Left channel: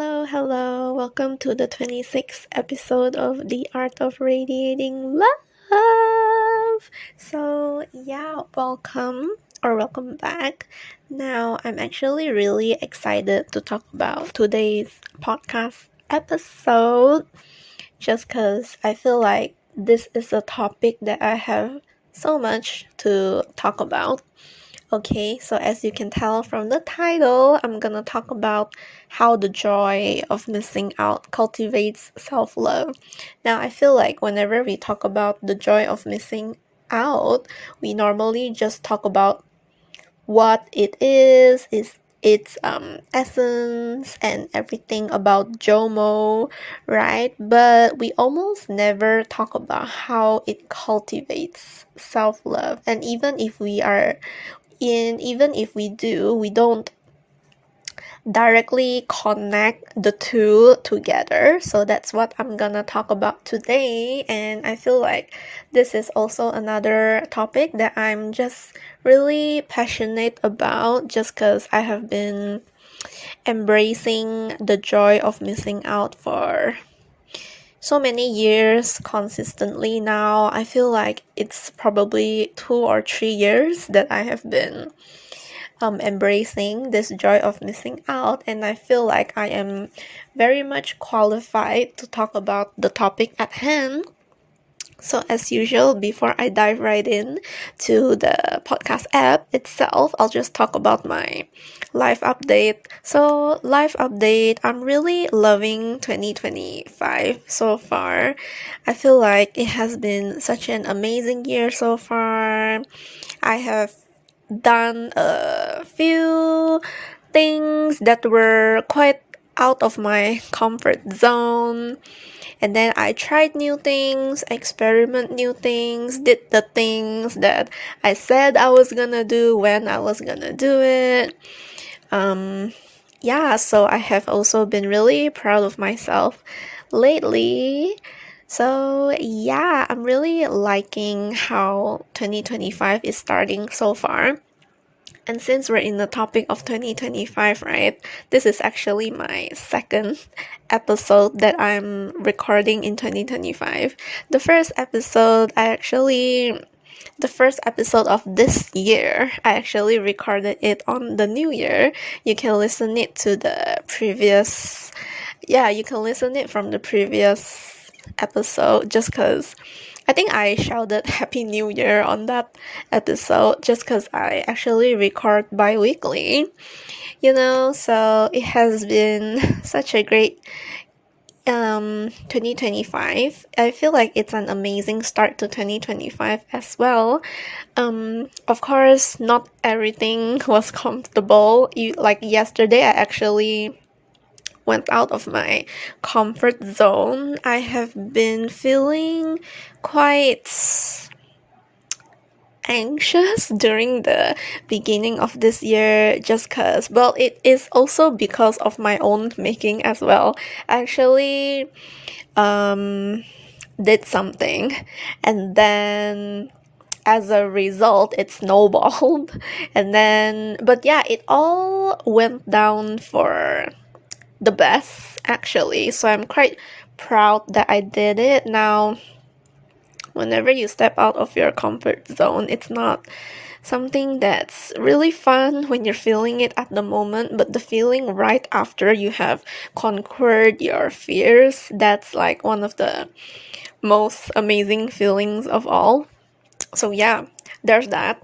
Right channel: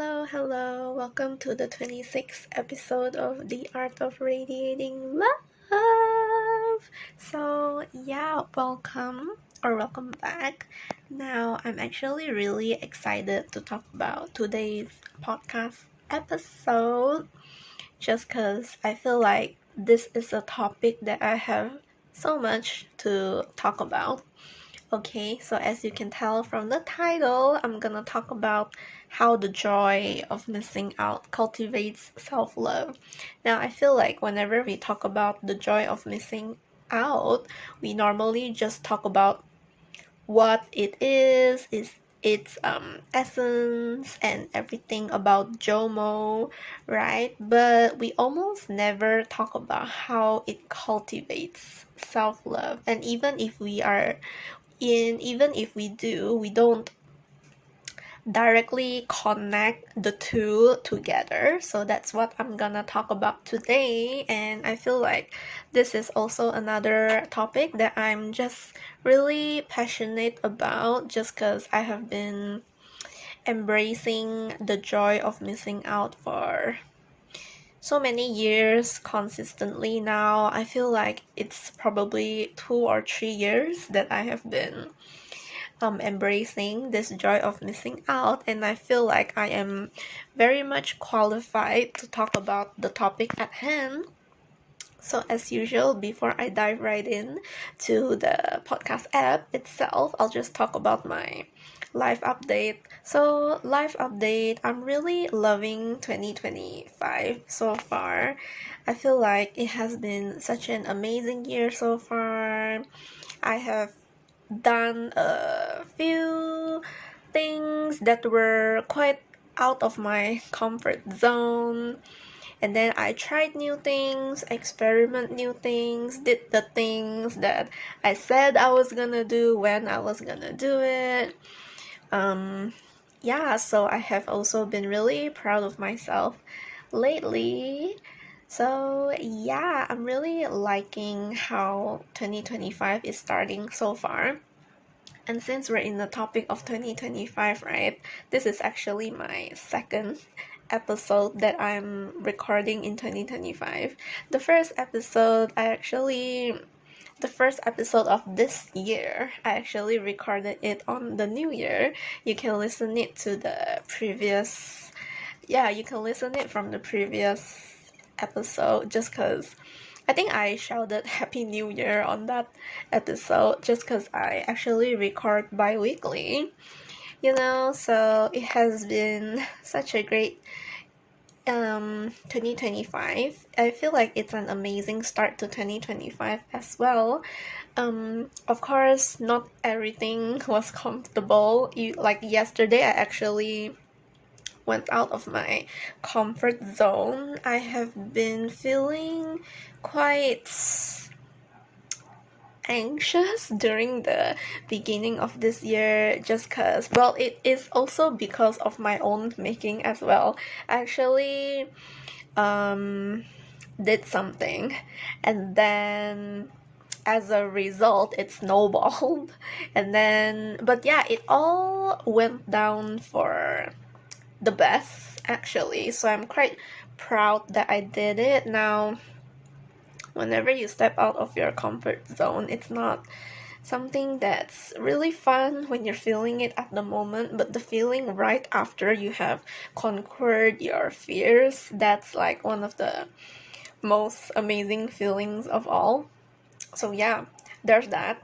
Hello. Welcome to the 26th episode of the Art of Radiating Love. Welcome back. Now, I'm actually really excited to talk about today's podcast episode just because I feel like this is a topic that I have so much to talk about. Okay, so as you can tell from the title, I'm gonna talk about how the joy of missing out cultivates self-love. Now, I feel like whenever we talk about the joy of missing out, we normally just talk about what it is its essence and everything about JOMO, right? But we almost never talk about how it cultivates self-love. And even if we do, we don't directly connect the two together. So that's what I'm gonna talk about today. And I feel like this is also another topic that I'm just really passionate about just because I have been embracing the joy of missing out for so many years consistently now. I feel like it's probably 2 or 3 years that I have been embracing this joy of missing out, and I feel like I am very much qualified to talk about the topic at hand. So as usual, before I dive right in to the podcast app itself, I'll just talk about my life update. So life update, I'm really loving 2025 so far. I feel like it has been such an amazing year so far. I have done a few things that were quite out of my comfort zone, and then I tried new things, experiment new things, did the things that I said I was gonna do when I was gonna do it. So I have also been really proud of myself lately. So yeah, I'm really liking how 2025 is starting so far. And since we're in the topic of 2025, right, this is actually my second episode that I'm recording in 2025. The first episode of this year, I actually recorded it on the new year. You can listen it from the previous episode just because I think I shouted Happy New Year on that episode just because I actually record bi-weekly, so it has been such a great 2025. I feel like it's an amazing start to 2025 as well. Of course, not everything was comfortable. Like yesterday, I actually went out of my comfort zone. I have been feeling quite anxious during the beginning of this year just because, well, it is also because of my own making as well. I actually did something, and then as a result it snowballed but yeah, it all went down for the best actually, so I'm quite proud that I did it. Now, whenever you step out of your comfort zone, it's not something that's really fun when you're feeling it at the moment, but the feeling right after you have conquered your fears, that's like one of the most amazing feelings of all. So yeah, there's that.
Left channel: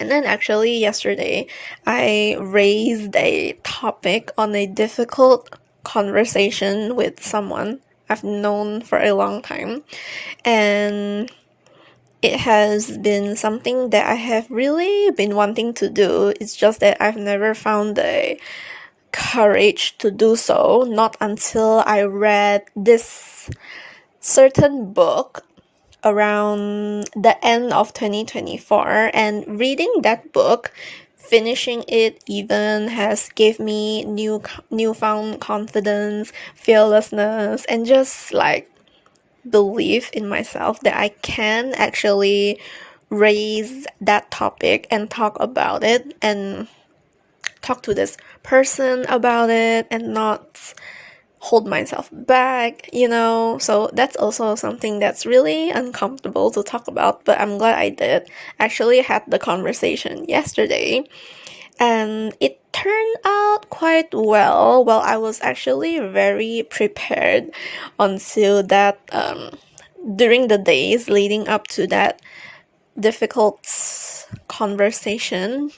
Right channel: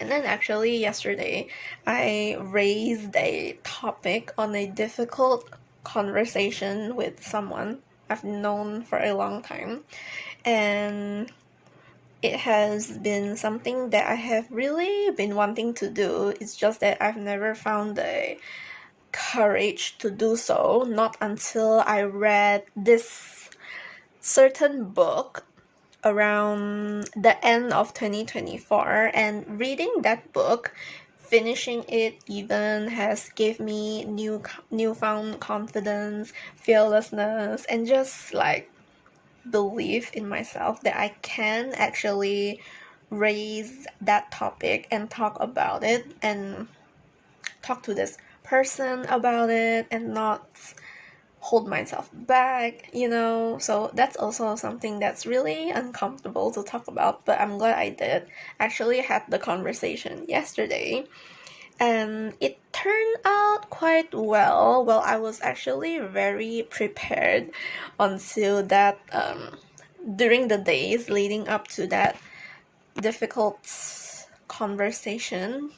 And then actually yesterday, I raised a topic on a difficult conversation with someone I've known for a long time. And it has been something that I have really been wanting to do. It's just that I've never found the courage to do so, not until I read this certain book around the end of 2024, and reading that book, finishing it even, has gave me newfound confidence, fearlessness, and just like belief in myself that I can actually raise that topic and talk about it. And talk to this person about it and not hold myself back, So that's also something that's really uncomfortable to talk about, but I'm glad I did. Actually had the conversation yesterday, and it turned out quite well. Well, I was actually very prepared until that during the days leading up to that difficult conversation.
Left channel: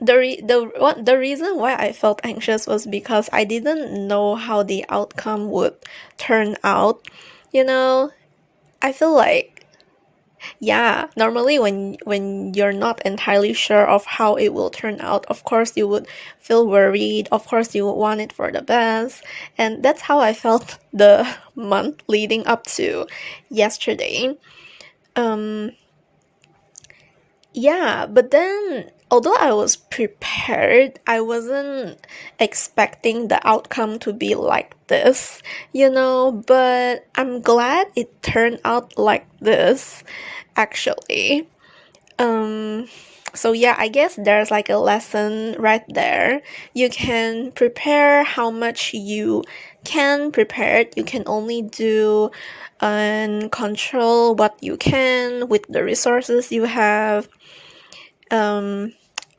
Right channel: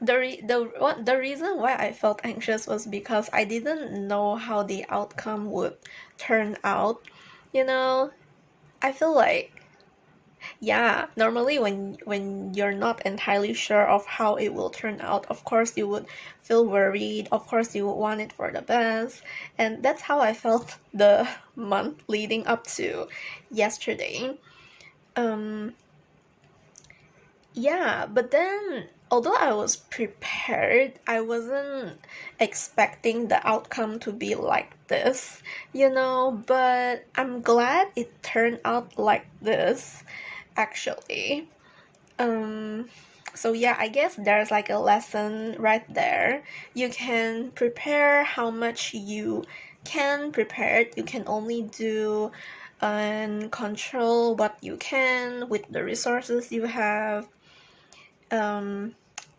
The reason why I felt anxious was because I didn't know how the outcome would turn out. I feel like, yeah, normally when you're not entirely sure of how it will turn out, of course you would feel worried, of course you would want it for the best, and that's how I felt the month leading up to yesterday. Yeah, but then although I was prepared, I wasn't expecting the outcome to be like this, but I'm glad it turned out like this, actually. So yeah, I guess there's like a lesson right there. You can prepare how much you can prepare. You can only do and control what you can with the resources you have.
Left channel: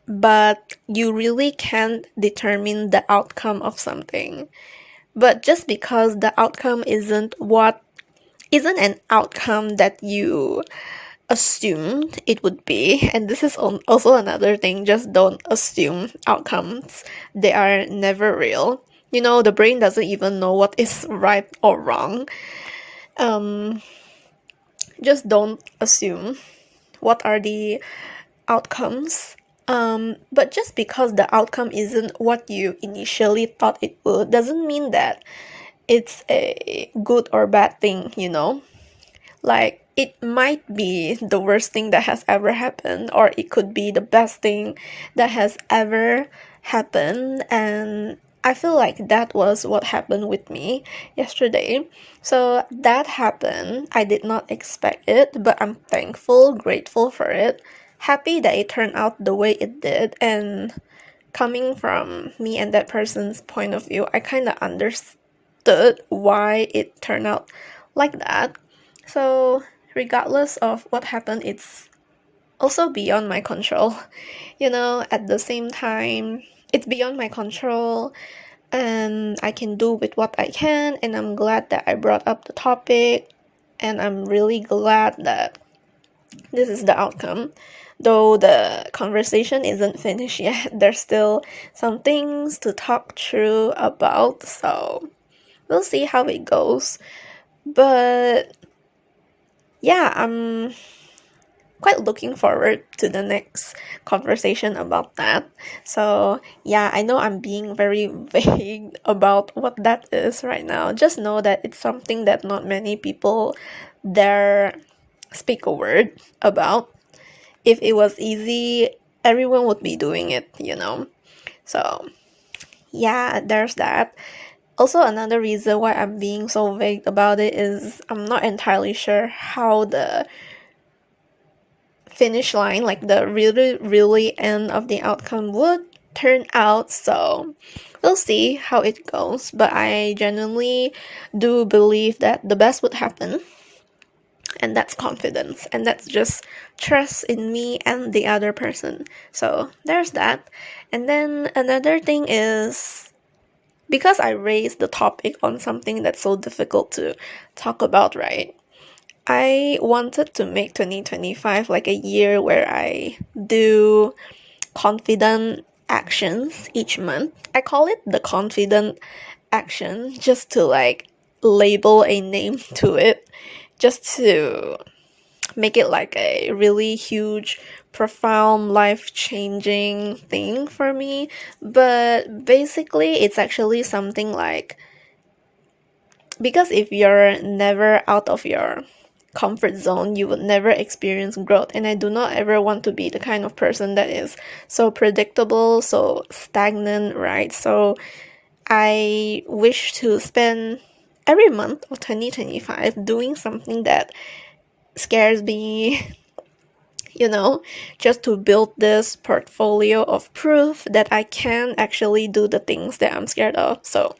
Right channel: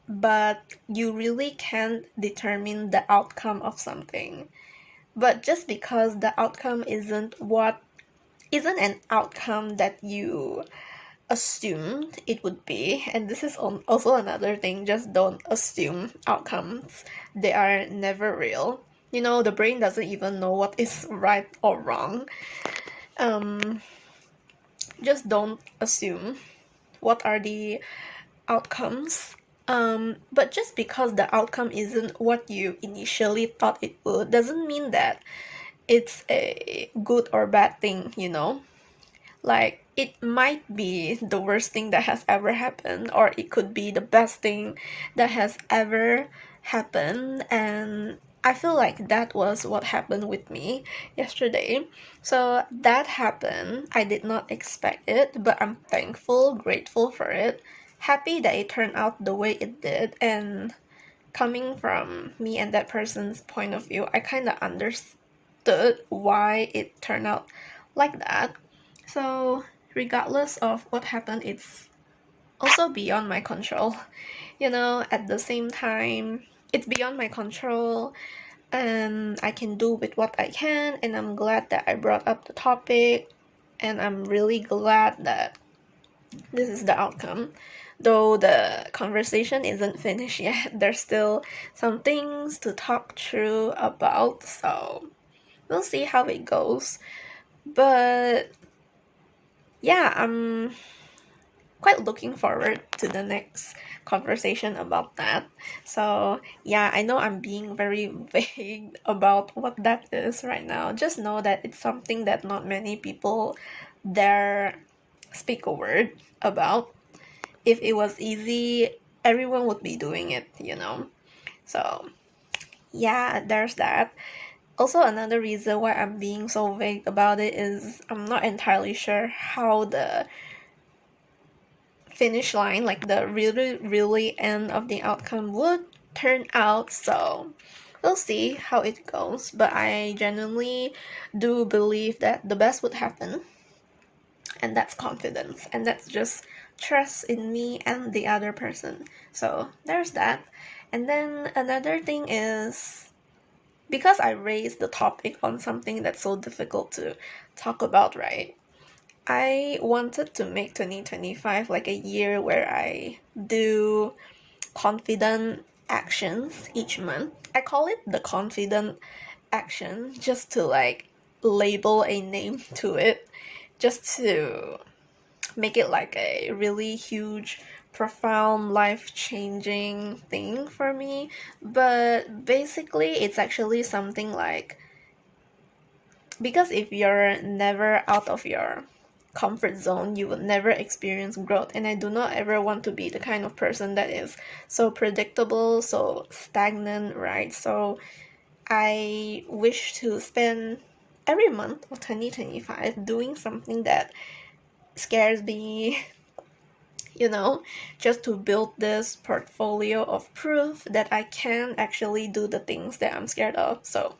But you really can't determine the outcome of something. But just because the outcome isn't an outcome that you assumed it would be, and this is also another thing, just don't assume outcomes. They are never real. The brain doesn't even know what is right or wrong. Just don't assume what are the outcomes. But just because the outcome isn't what you initially thought it would, doesn't mean that it's a good or bad thing, Like, it might be the worst thing that has ever happened, or it could be the best thing that has ever happened, and I feel like that was what happened with me yesterday. So that happened. I did not expect it, but I'm thankful, grateful for it, happy that it turned out the way it did, and coming from me and that person's point of view, I kind of understood why it turned out like that. So regardless of what happened, it's also beyond my control. At the same time, it's beyond my control, and I can do with what I can, and I'm glad that I brought up the topic, and I'm really glad that this is the outcome. Though the conversation isn't finished yet, there's still some things to talk through about, so we'll see how it goes. But yeah, I'm quite looking forward to the next conversation about that. So yeah, I know I'm being very vague about what that is right now. Just know that it's something that not many people dare speak a word about. If it was easy, everyone would be doing it, So yeah, there's that. Also, another reason why I'm being so vague about it is I'm not entirely sure how the finish line, like the really, really end of the outcome would turn out, so we'll see how it goes. But I genuinely do believe that the best would happen, and that's confidence, and that's just trust in me and the other person. So there's that. And then another thing is, because I raised the topic on something that's so difficult to talk about, right? I wanted to make 2025 like a year where I do confident actions each month. I call it the confident action just to like label a name to it, just to make it like a really huge, profound, life-changing thing for me. But basically, it's actually something like, because if you're never out of your comfort zone, you would never experience growth. And I do not ever want to be the kind of person that is so predictable, so stagnant, right? So I wish to spend every month of 2025 doing something that scares me, just to build this portfolio of proof that I can actually do the things that I'm scared of. So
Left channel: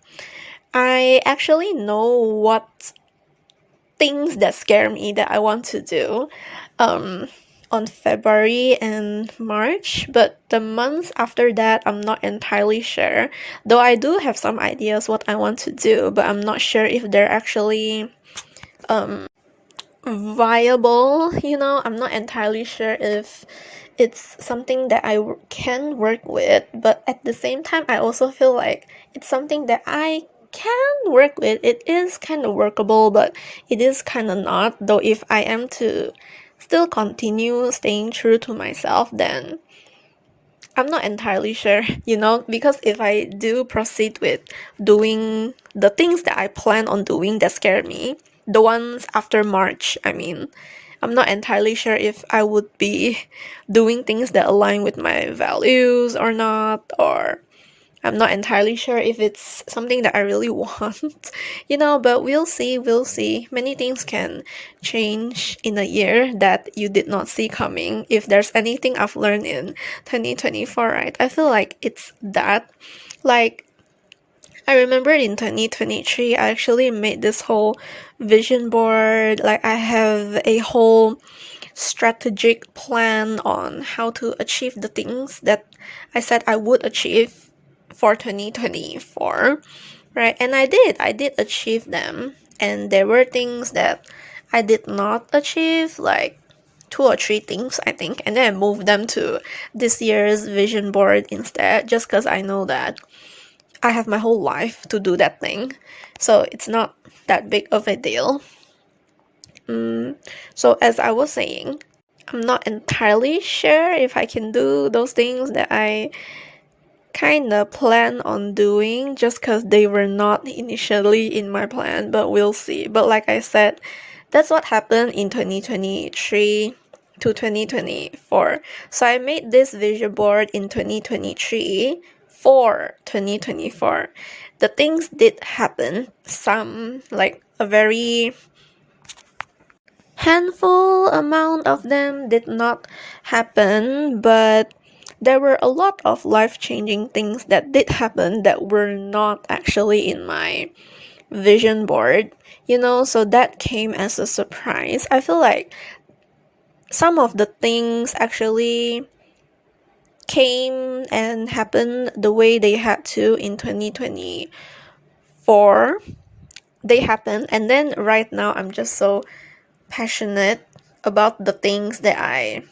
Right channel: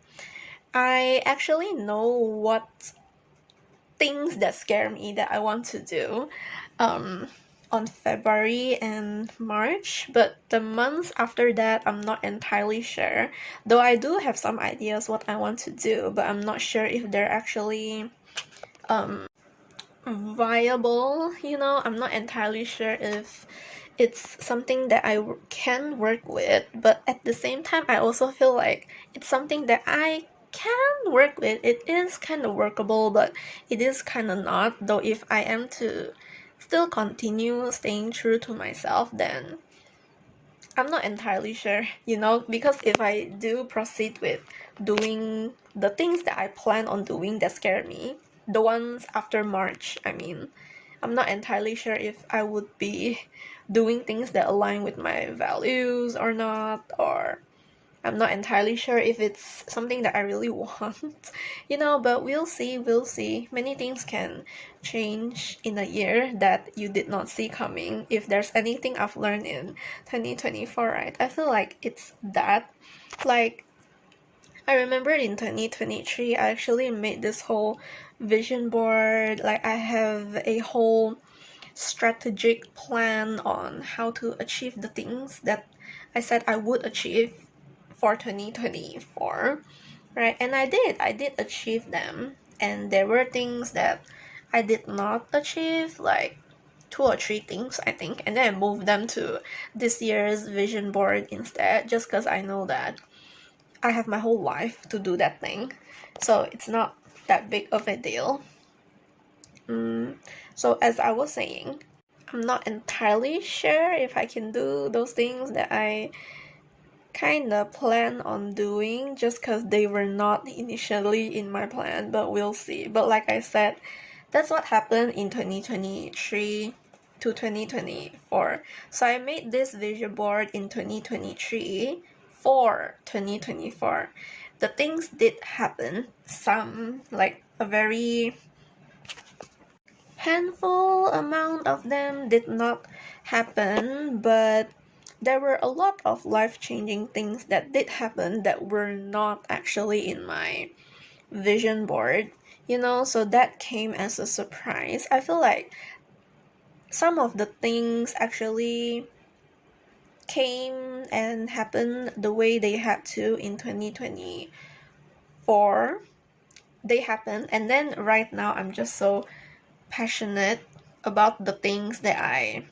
I actually know what things that scare me that I want to do on February and March, but the months after that, I'm not entirely sure. Though I do have some ideas what I want to do, but I'm not sure if they're actually viable. I'm not entirely sure if it's something that I can work with, but at the same time, I also feel like it's something that I can work with. It is kind of workable, but it is kind of not. Though if I am to still continue staying true to myself, then I'm not entirely sure, because if I do proceed with doing the things that I plan on doing that scare me, the ones after March, I mean, I'm not entirely sure if I would be doing things that align with my values or not, or I'm not entirely sure if it's something that I really want, but we'll see. Many things can change in a year that you did not see coming. If there's anything I've learned in 2024, right? I feel like it's that. Like, I remember in 2023, I actually made this whole vision board. Like, I have a whole strategic plan on how to achieve the things that I said I would achieve for 2024, right? And I did achieve them. And there were things that I did not achieve, like 2 or 3 things, I think. And then I moved them to this year's vision board instead, just because I know that I have my whole life to do that thing. So it's not that big of a deal. So as I was saying, I'm not entirely sure if I can do those things that I kind of plan on doing, just because they were not initially in my plan, but we'll see. But like I said, that's what happened in 2023 to 2024. So I made this vision board in 2023 for 2024. The things did happen. Some, like a very handful amount of them, did not happen, but there were a lot of life-changing things that did happen that were not actually in my vision board, so that came as a surprise. I feel like some of the things actually came and happened the way they had to in 2024. They happened, and then right now I'm just so passionate about the things that I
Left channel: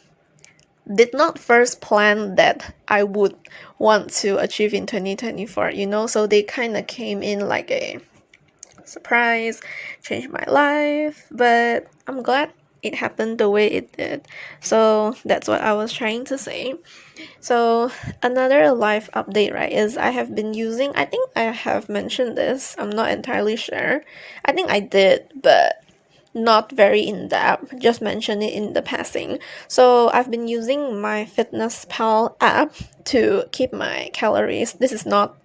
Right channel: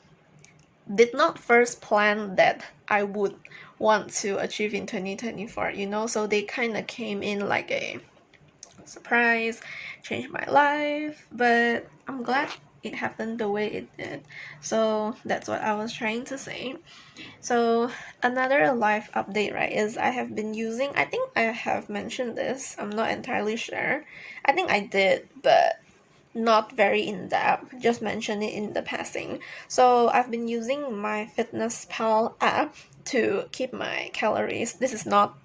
did not first plan that I would want to achieve in 2024, so they kind of came in like a surprise, changed my life, but I'm glad it happened the way it did. So that's what I was trying to say. So another life update, right, is I have been using, I think I have mentioned this, I'm not entirely sure. I think I did, but not very in-depth, just mention it in the passing. So I've been using my MyFitnessPal app to keep my calories. This is not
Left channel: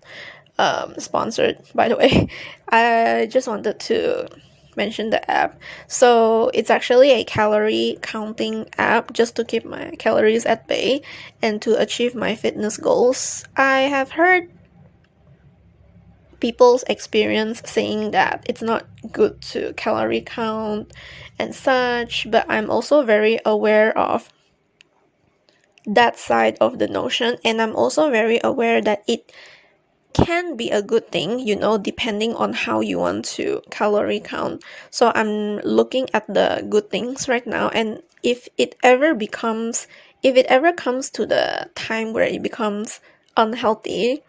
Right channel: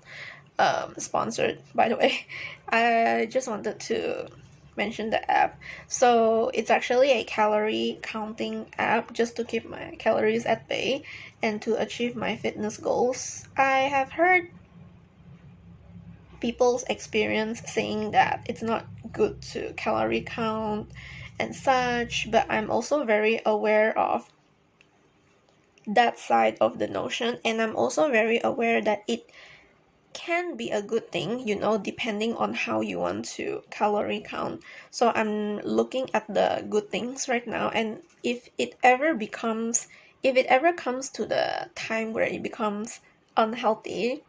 sponsored, by the way. I just wanted to mention the app. So it's actually a calorie counting app just to keep my calories at bay and to achieve my fitness goals. I have heard people's experience saying that it's not good to calorie count and such, but I'm also very aware of that side of the notion, and I'm also very aware that it can be a good thing, depending on how you want to calorie count. So I'm looking at the good things right now, and if it ever comes to the time where it becomes unhealthy,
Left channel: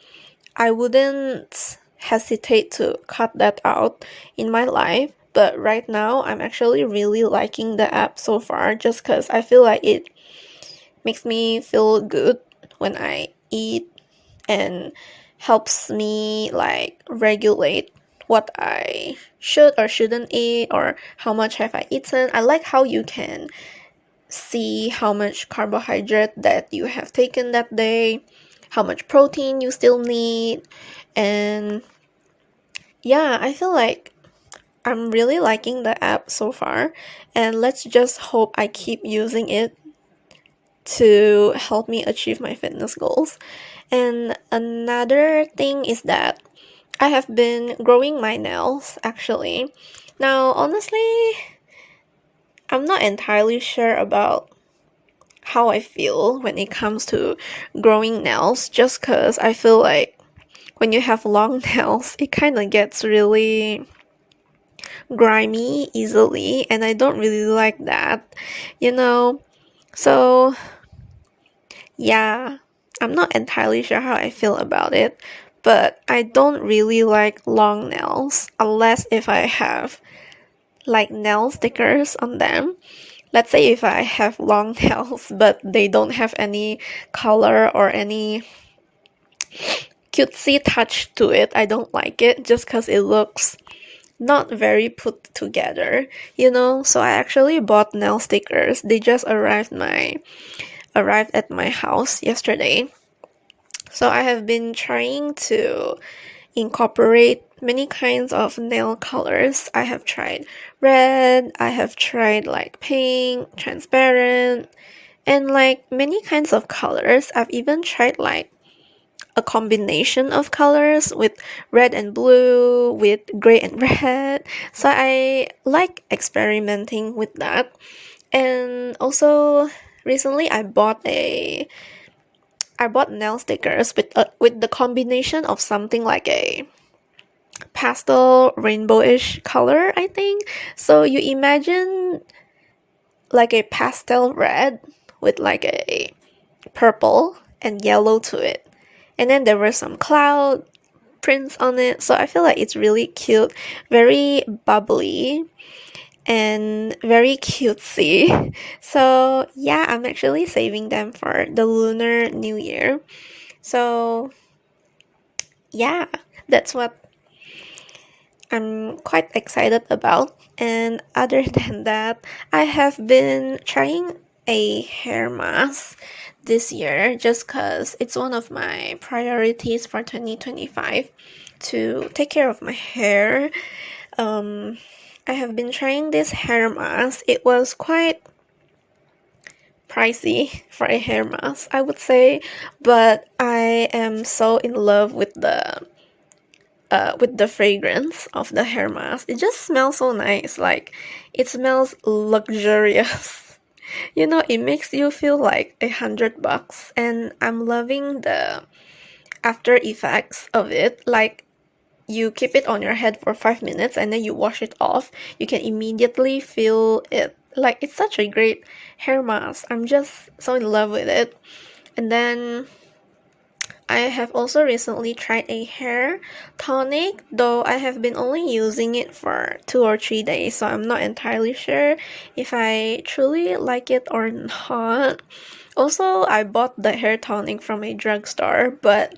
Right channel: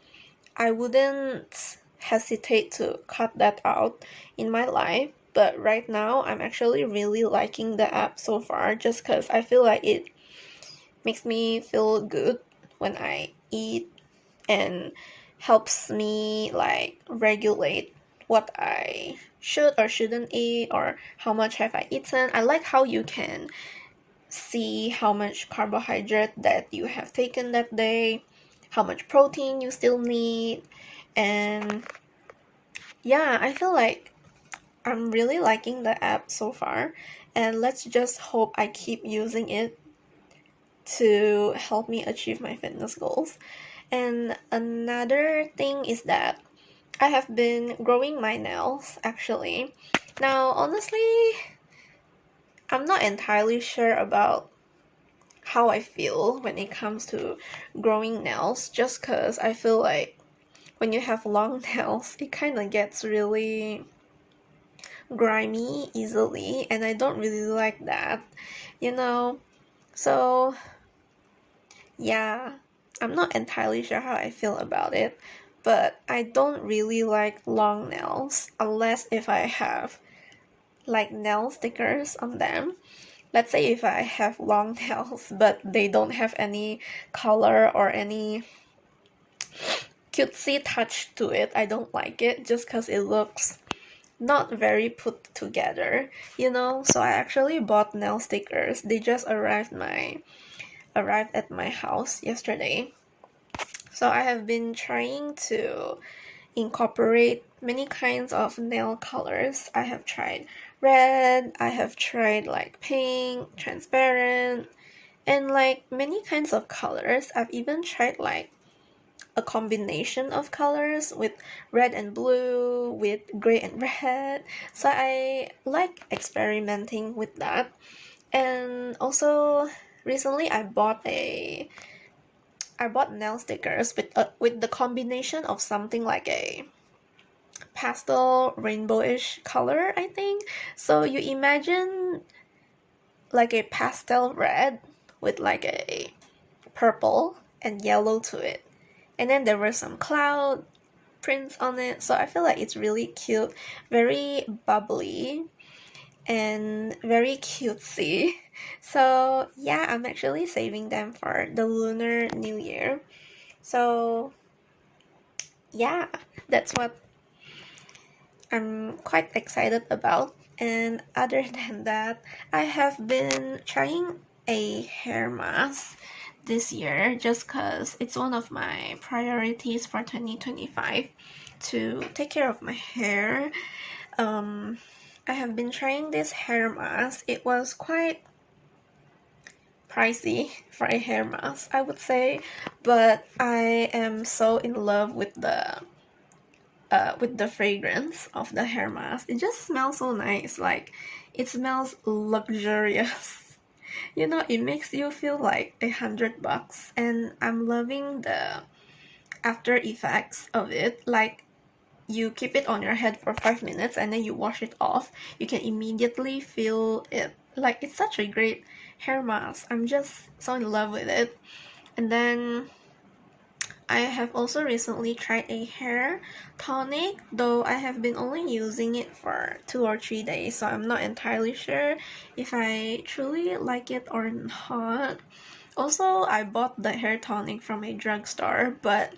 I wouldn't hesitate to cut that out in my life. But right now, I'm actually really liking the app so far, just because I feel like it makes me feel good when I eat and helps me like regulate what I should or shouldn't eat, or how much have I eaten. I like how you can see how much carbohydrate that you have taken that day, how much protein you still need, and yeah, I feel like I'm really liking the app so far, and let's just hope I keep using it to help me achieve my fitness goals. And another thing is that I have been growing my nails actually. Now, honestly, I'm not entirely sure about how I feel when it comes to growing nails, just because I feel like when you have long nails, it kind of gets really grimy easily, and I don't really like that, you know? So, yeah, I'm not entirely sure how I feel about it, but I don't really like long nails unless if I have like nail stickers on them. Let's say if I have long nails but they don't have any color or any cutesy touch to it, I don't like it just because it looks not very put together, you know? So I actually bought nail stickers. They just arrived at my house yesterday. So I have been trying to incorporate many kinds of nail colors. I have tried red, I have tried like pink, transparent, and like many kinds of colors. I've even tried like a combination of colors with red and blue, with gray and red. So I like experimenting with that. And also recently I bought nail stickers with the combination of something like a pastel rainbowish color, I think. So you imagine like a pastel red with like a purple and yellow to it. And then there were some cloud prints on it. So I feel like it's really cute, very bubbly and very cutesy. So yeah, I'm actually saving them for the Lunar New Year. So yeah, that's what I'm quite excited about. And other than that, I have been trying a hair mask this year just because it's one of my priorities for 2025 to take care of my hair. I have been trying this hair mask. It was quite pricey for a hair mask, I would say, but I am so in love with the fragrance of the hair mask. It just smells so nice. Like it smells luxurious. You know, it makes you feel like $100, and I'm loving the after effects of it. Like you keep it on your head for 5 minutes and then you wash it off. You can immediately feel it. Like it's such a great hair mask. I'm just so in love with it. And then I have also recently tried a hair tonic, though I have been only using it for 2 or 3 days, so I'm not entirely sure if I truly like it or not. Also, I bought the hair tonic from a drugstore, but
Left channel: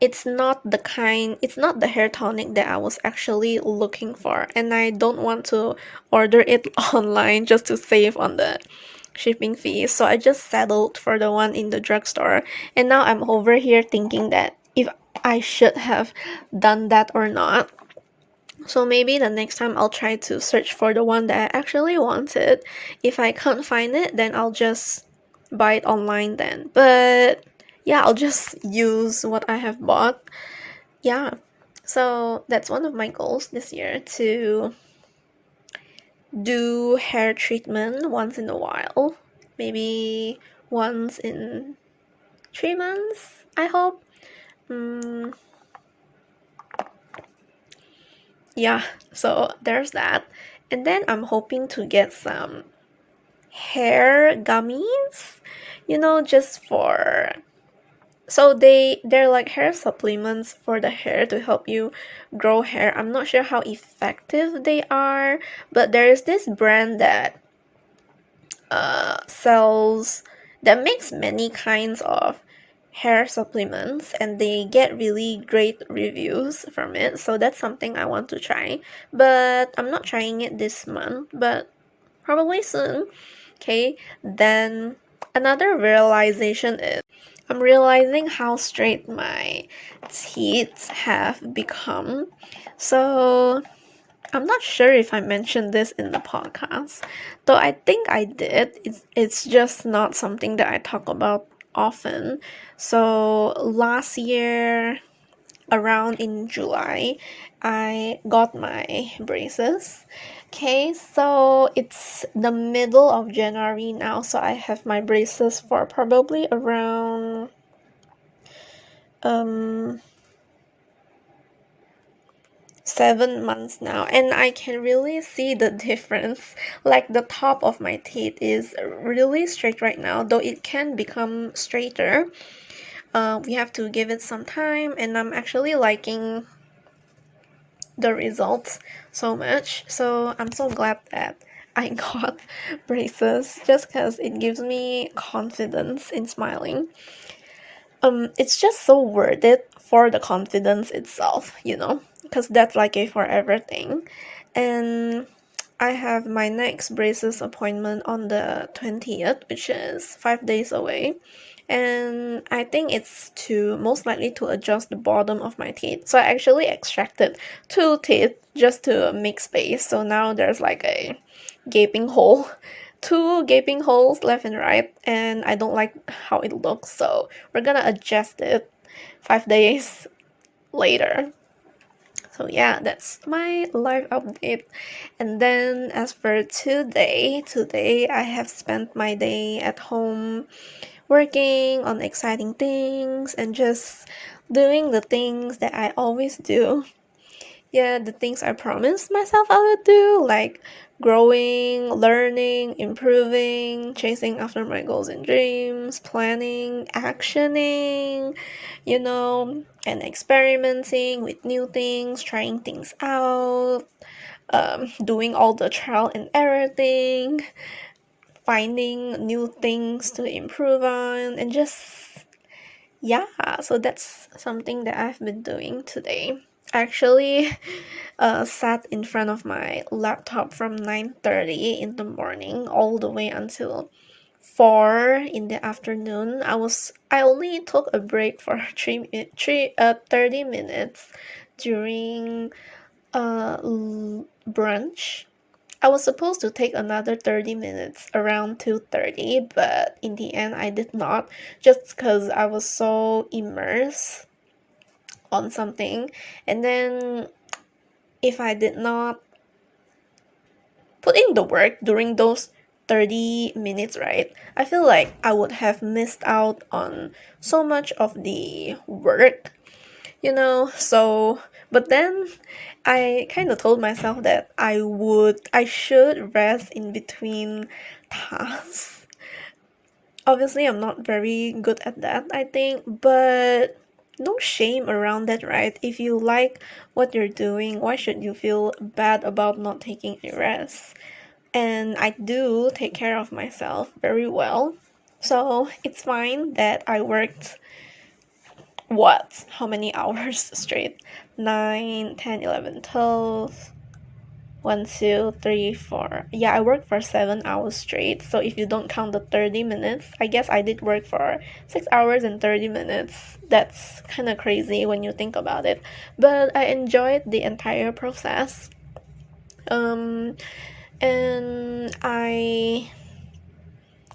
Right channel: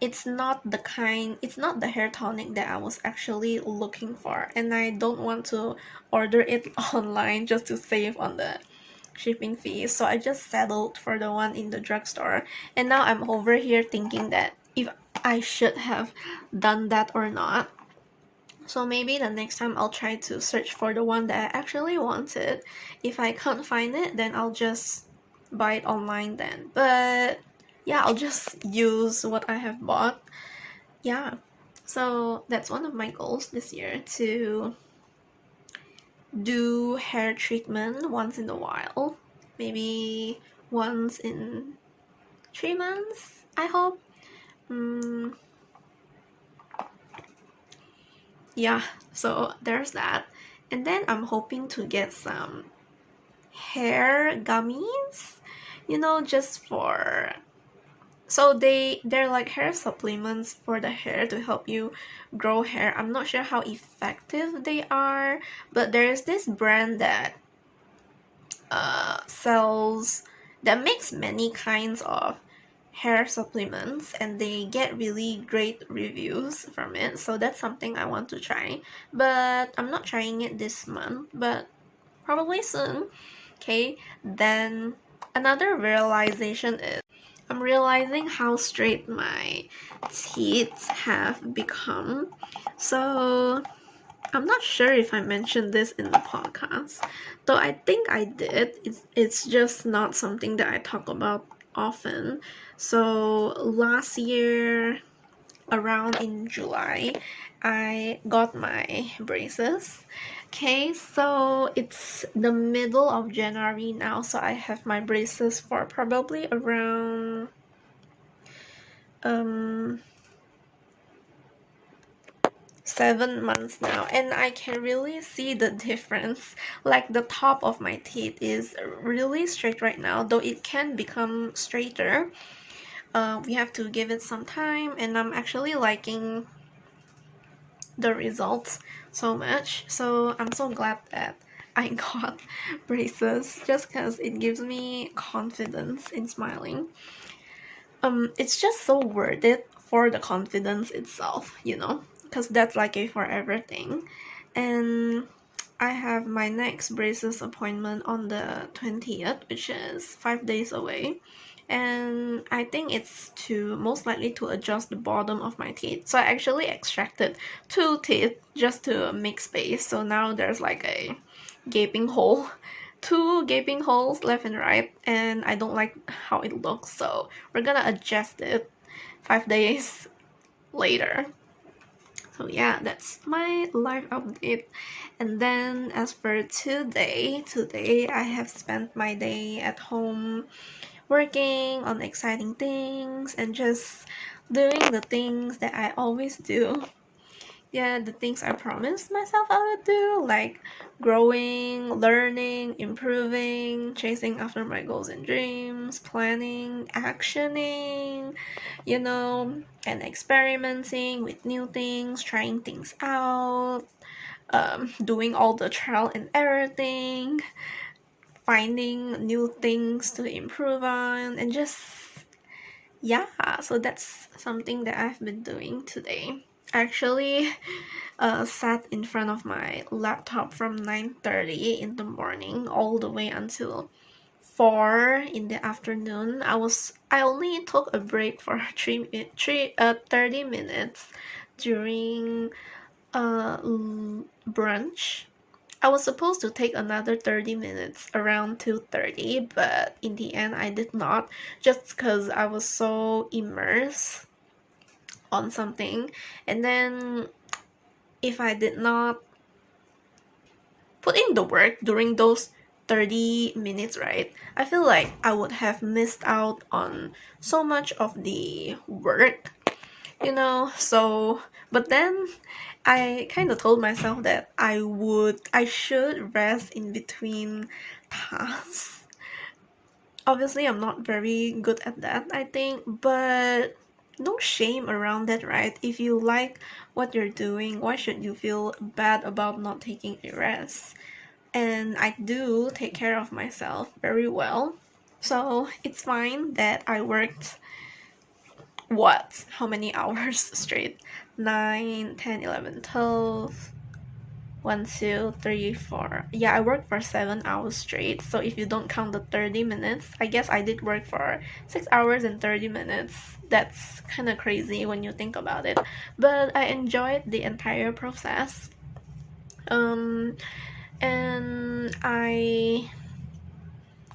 it's not the hair tonic that I was actually looking for, and I don't want to order it online just to save on the shipping fees. So I just settled for the one in the drugstore. And now I'm over here thinking that if I should have done that or not. So maybe the next time I'll try to search for the one that I actually wanted. If I can't find it, then I'll just buy it online then. But yeah, I'll just use what I have bought. Yeah. So that's one of my goals this year, to do hair treatment once in a while, maybe once in 3 months, I hope. Yeah, so there's that. And then I'm hoping to get some hair gummies, you know, just for so they're like hair supplements for the hair to help you grow hair. I'm not sure how effective they are, but there is this brand that sells that makes many kinds of hair supplements, and they get really great reviews from it. So that's something I want to try, but I'm not trying it this month, but probably soon. Okay, then another realization is I'm realizing how straight my teeth have become. So I'm not sure if I mentioned this in the podcast, though I think I did. It's just not something that I talk about often. So last year, around in July, I got my braces. Okay, so it's the middle of January now, so I have my braces for probably around um 7 months now, and I can really see the difference. Like the top of my teeth is really straight right now, though it can become straighter. We have to give it some time, and I'm actually liking the results so much. So I'm so glad that I got braces, just because it gives me confidence in smiling. It's just so worth it for the confidence itself, because that's like a forever thing. And I have my next braces appointment on the 20th, which is 5 days away. And I think it's to most likely to adjust the bottom of my teeth. So I actually extracted 2 teeth just to make space. So now there's like a gaping hole, 2 gaping holes left and right, and I don't like how it looks. So we're gonna adjust it 5 days later. So yeah, that's my life update. And then as for today I have spent my day at home working on exciting things and just doing the things that I always do. Yeah, the things I promised myself I would do, like growing, learning, improving, chasing after my goals and dreams, planning, actioning, and experimenting with new things, trying things out, doing all the trial and error thing, finding new things to improve on, and just, yeah, so that's something that I've been doing today. Actually, sat in front of my laptop from 9:30 in the morning all the way until 4 in the afternoon. I only took a break for 30 minutes during brunch. I was supposed to take another 30 minutes around 2:30, but in the end I did not, just because I was so immersed on something. And then if I did not put in the work during those 30 minutes, right, I feel like I would have missed out on so much of the work, so, but then I kind of told myself that I should rest in between tasks. Obviously, I'm not very good at that, I think, but no shame around that, right? If you like what you're doing, why should you feel bad about not taking a rest? And I do take care of myself very well. So it's fine that I worked, how many hours straight? 9, 10, 11, 12, 1, 2, 3, 4. Yeah, I worked for 7 hours straight. So if you don't count the 30 minutes, I guess I did work for 6 hours and 30 minutes. That's kind of crazy when you think about it. But I enjoyed the entire process. And I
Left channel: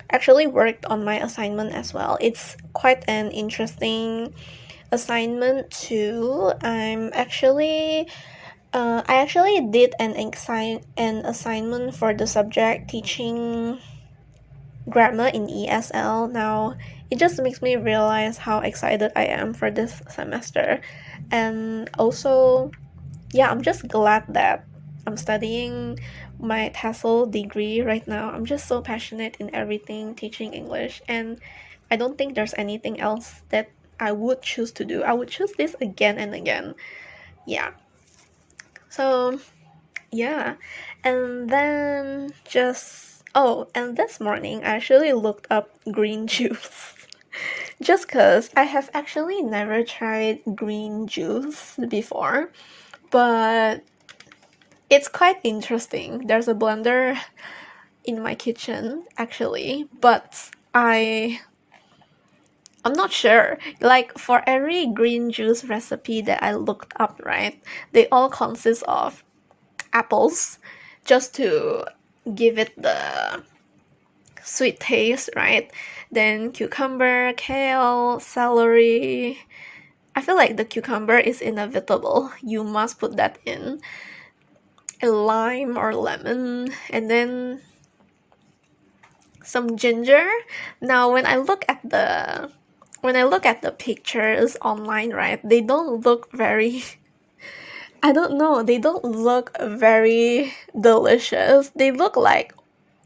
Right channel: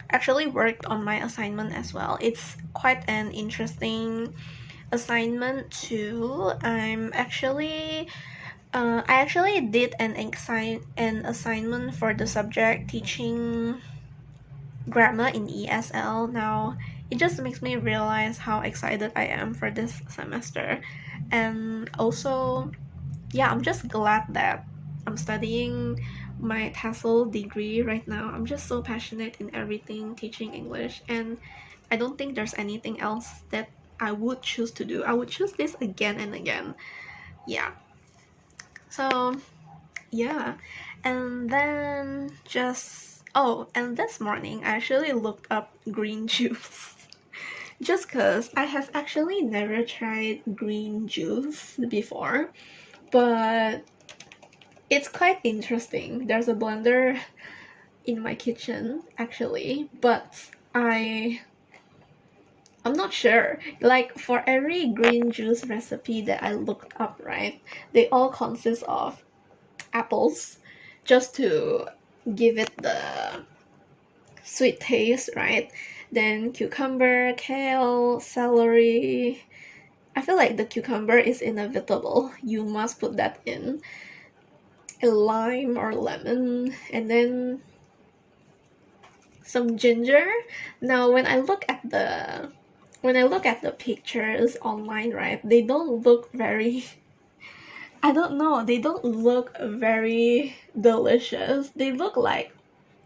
actually worked on my assignment as well. It's quite an interesting assignment too. I actually did an assignment for the subject teaching grammar in ESL. Now it just makes me realize how excited I am for this semester. And also, yeah, I'm just glad that I'm studying my TESOL degree right now. I'm just so passionate in everything teaching English, and I don't think there's anything else that I would choose to do. I would choose this again and again. Yeah. So, yeah. And then and this morning I actually looked up green juice. Just because I have actually never tried green juice before, but it's quite interesting. There's a blender in my kitchen actually, but I'm not sure. Like for every green juice recipe that I looked up, right, they all consist of apples just to give it the sweet taste, right? Then cucumber, kale, celery. I feel like the cucumber is inevitable. You must put that in. A lime or lemon, and then some ginger. Now when I look at the pictures online, right, they don't look very I don't know, they don't look very delicious. They look like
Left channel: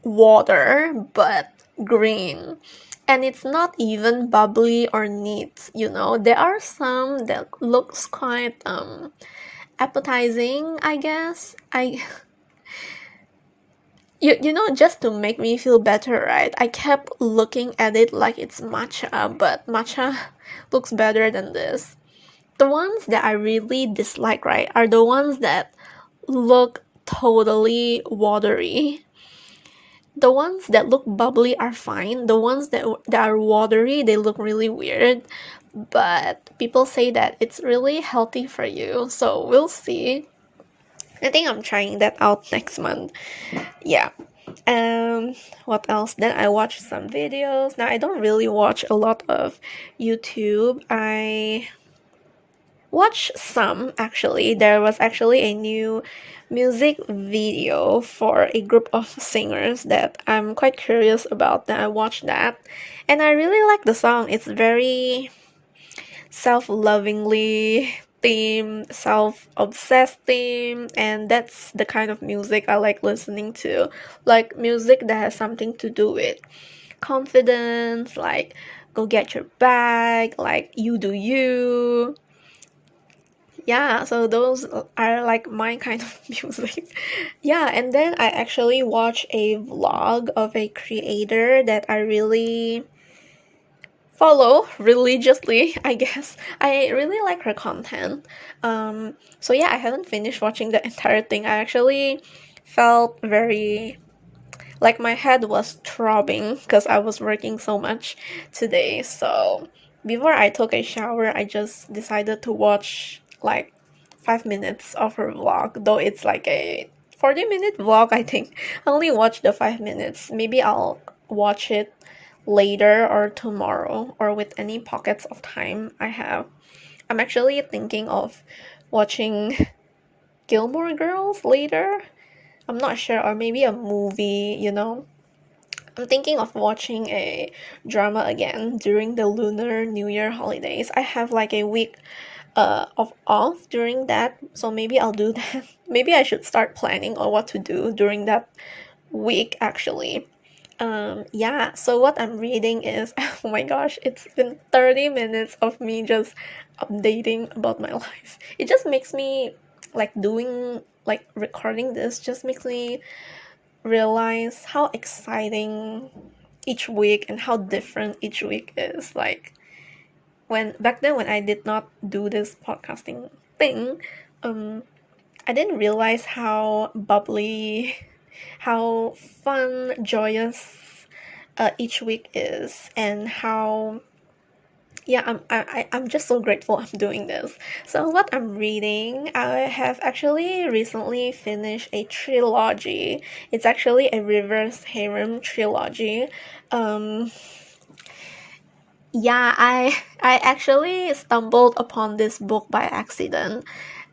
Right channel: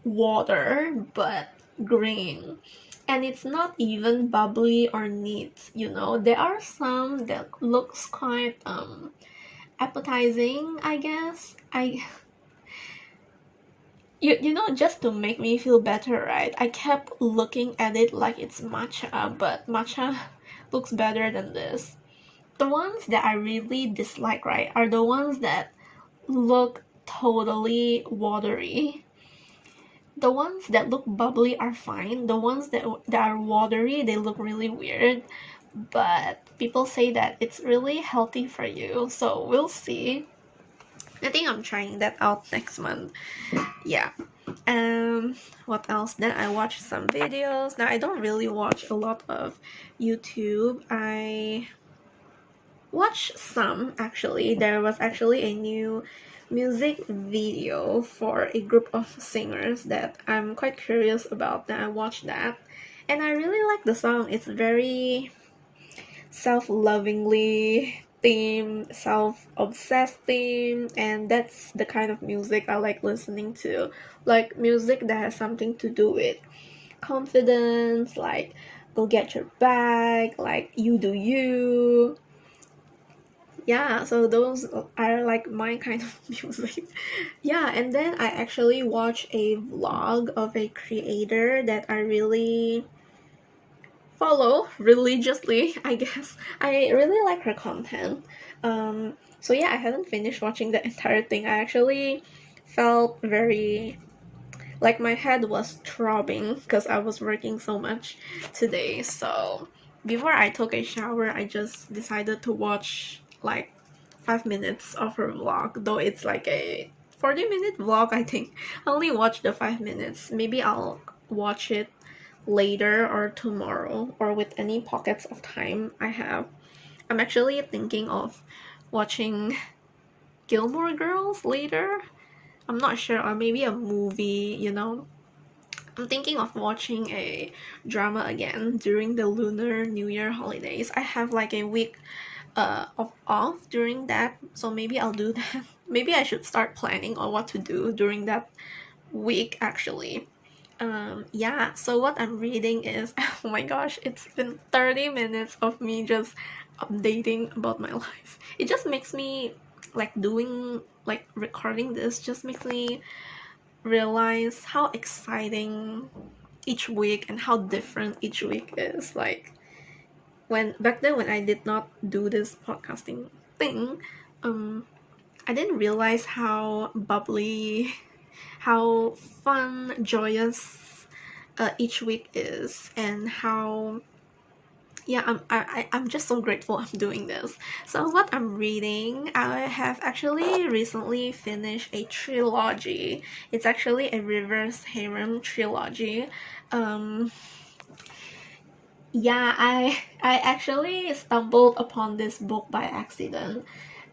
water but green. And it's not even bubbly or neat, you know. There are some that looks quite appetizing, I guess. You know, just to make me feel better, right? I kept looking at it like it's matcha, but matcha looks better than this. The ones that I really dislike, right, are the ones that look totally watery. The ones that look bubbly are fine. The ones that are watery, they look really weird. But people say that it's really healthy for you, so we'll see. I think I'm trying that out next month. Yeah. What else? Then I watched some videos. Now I don't really watch a lot of YouTube. I watch some actually. There was actually a new music video for a group of singers that I'm quite curious about. Then I watched that, and I really like the song. It's very self-lovingly theme, self-obsessed theme, and that's the kind of music I like listening to. Like music that has something to do with confidence, like go get your bag, like you do you. Yeah, so those are like my kind of music. Yeah, and then I actually watched a vlog of a creator that I really follow religiously, I guess. I really like her content. So yeah, I haven't finished watching the entire thing. I actually felt very like my head was throbbing because I was working so much today. So before I took a shower, I just decided to watch like 5 minutes of her vlog, though it's like a 40-minute vlog, I think. I only watched the 5 minutes. Maybe I'll watch it later or tomorrow or with any pockets of time I have. I'm actually thinking of watching Gilmore Girls later. I'm not sure, or maybe a movie, you know. I'm thinking of watching a drama again during the Lunar New Year holidays. I have like a week of off during that, so maybe I'll do that. Maybe I should start planning on what to do during that week actually. Yeah, so what I'm reading is, oh my gosh, it's been 30 minutes of me just updating about my life. It just makes me like recording this just makes me realize how exciting each week and how different each week is. Like when back then when I did not do this podcasting thing, I didn't realize how bubbly, how fun, joyous each week is, and how yeah, I'm just so grateful I'm doing this. So what I'm reading, I have actually recently finished a trilogy. It's actually a reverse harem trilogy. Um, yeah, I actually stumbled upon this book by accident.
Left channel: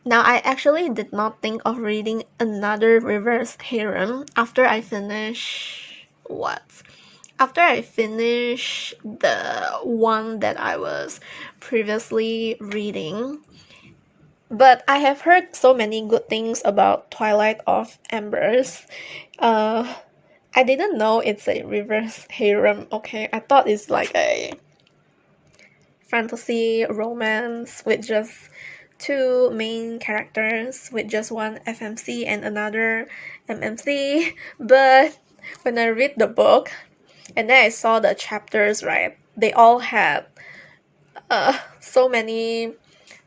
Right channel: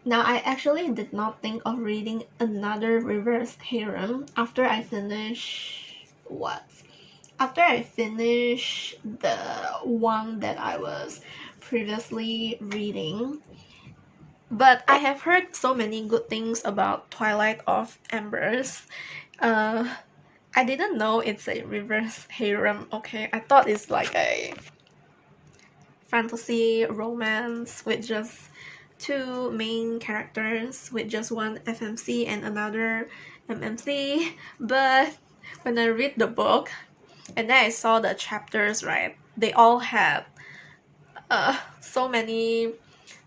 Now I actually did not think of reading another reverse harem after I finish what? After I finish the one that I was previously reading. But I have heard so many good things about Twilight of Embers. Uh, I didn't know it's a reverse harem. Okay, I thought it's like a fantasy romance with just two main characters with just one FMC and another MMC. But when I read the book and then I saw the chapters, right, they all had so many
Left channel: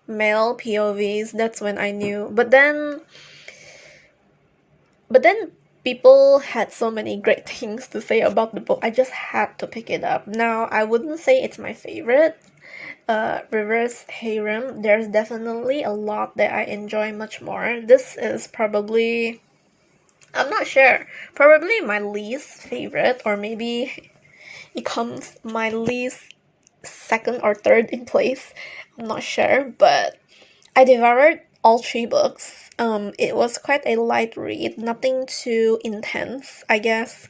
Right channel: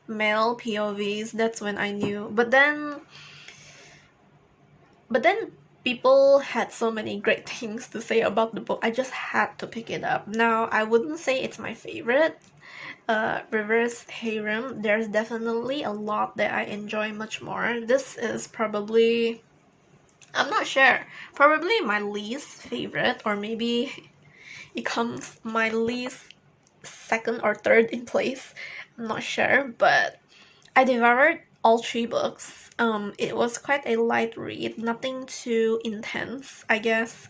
male POVs. That's when I knew. But then people had so many great things to say about the book. I just had to pick it up. Now I wouldn't say it's my favorite. reverse harem, there's definitely a lot that I enjoy much more. This is probably, I'm not sure, probably my least favorite, or maybe it comes my least second or third in place. I'm not sure, but I devoured all three books. It was quite a light read, nothing too intense, I guess.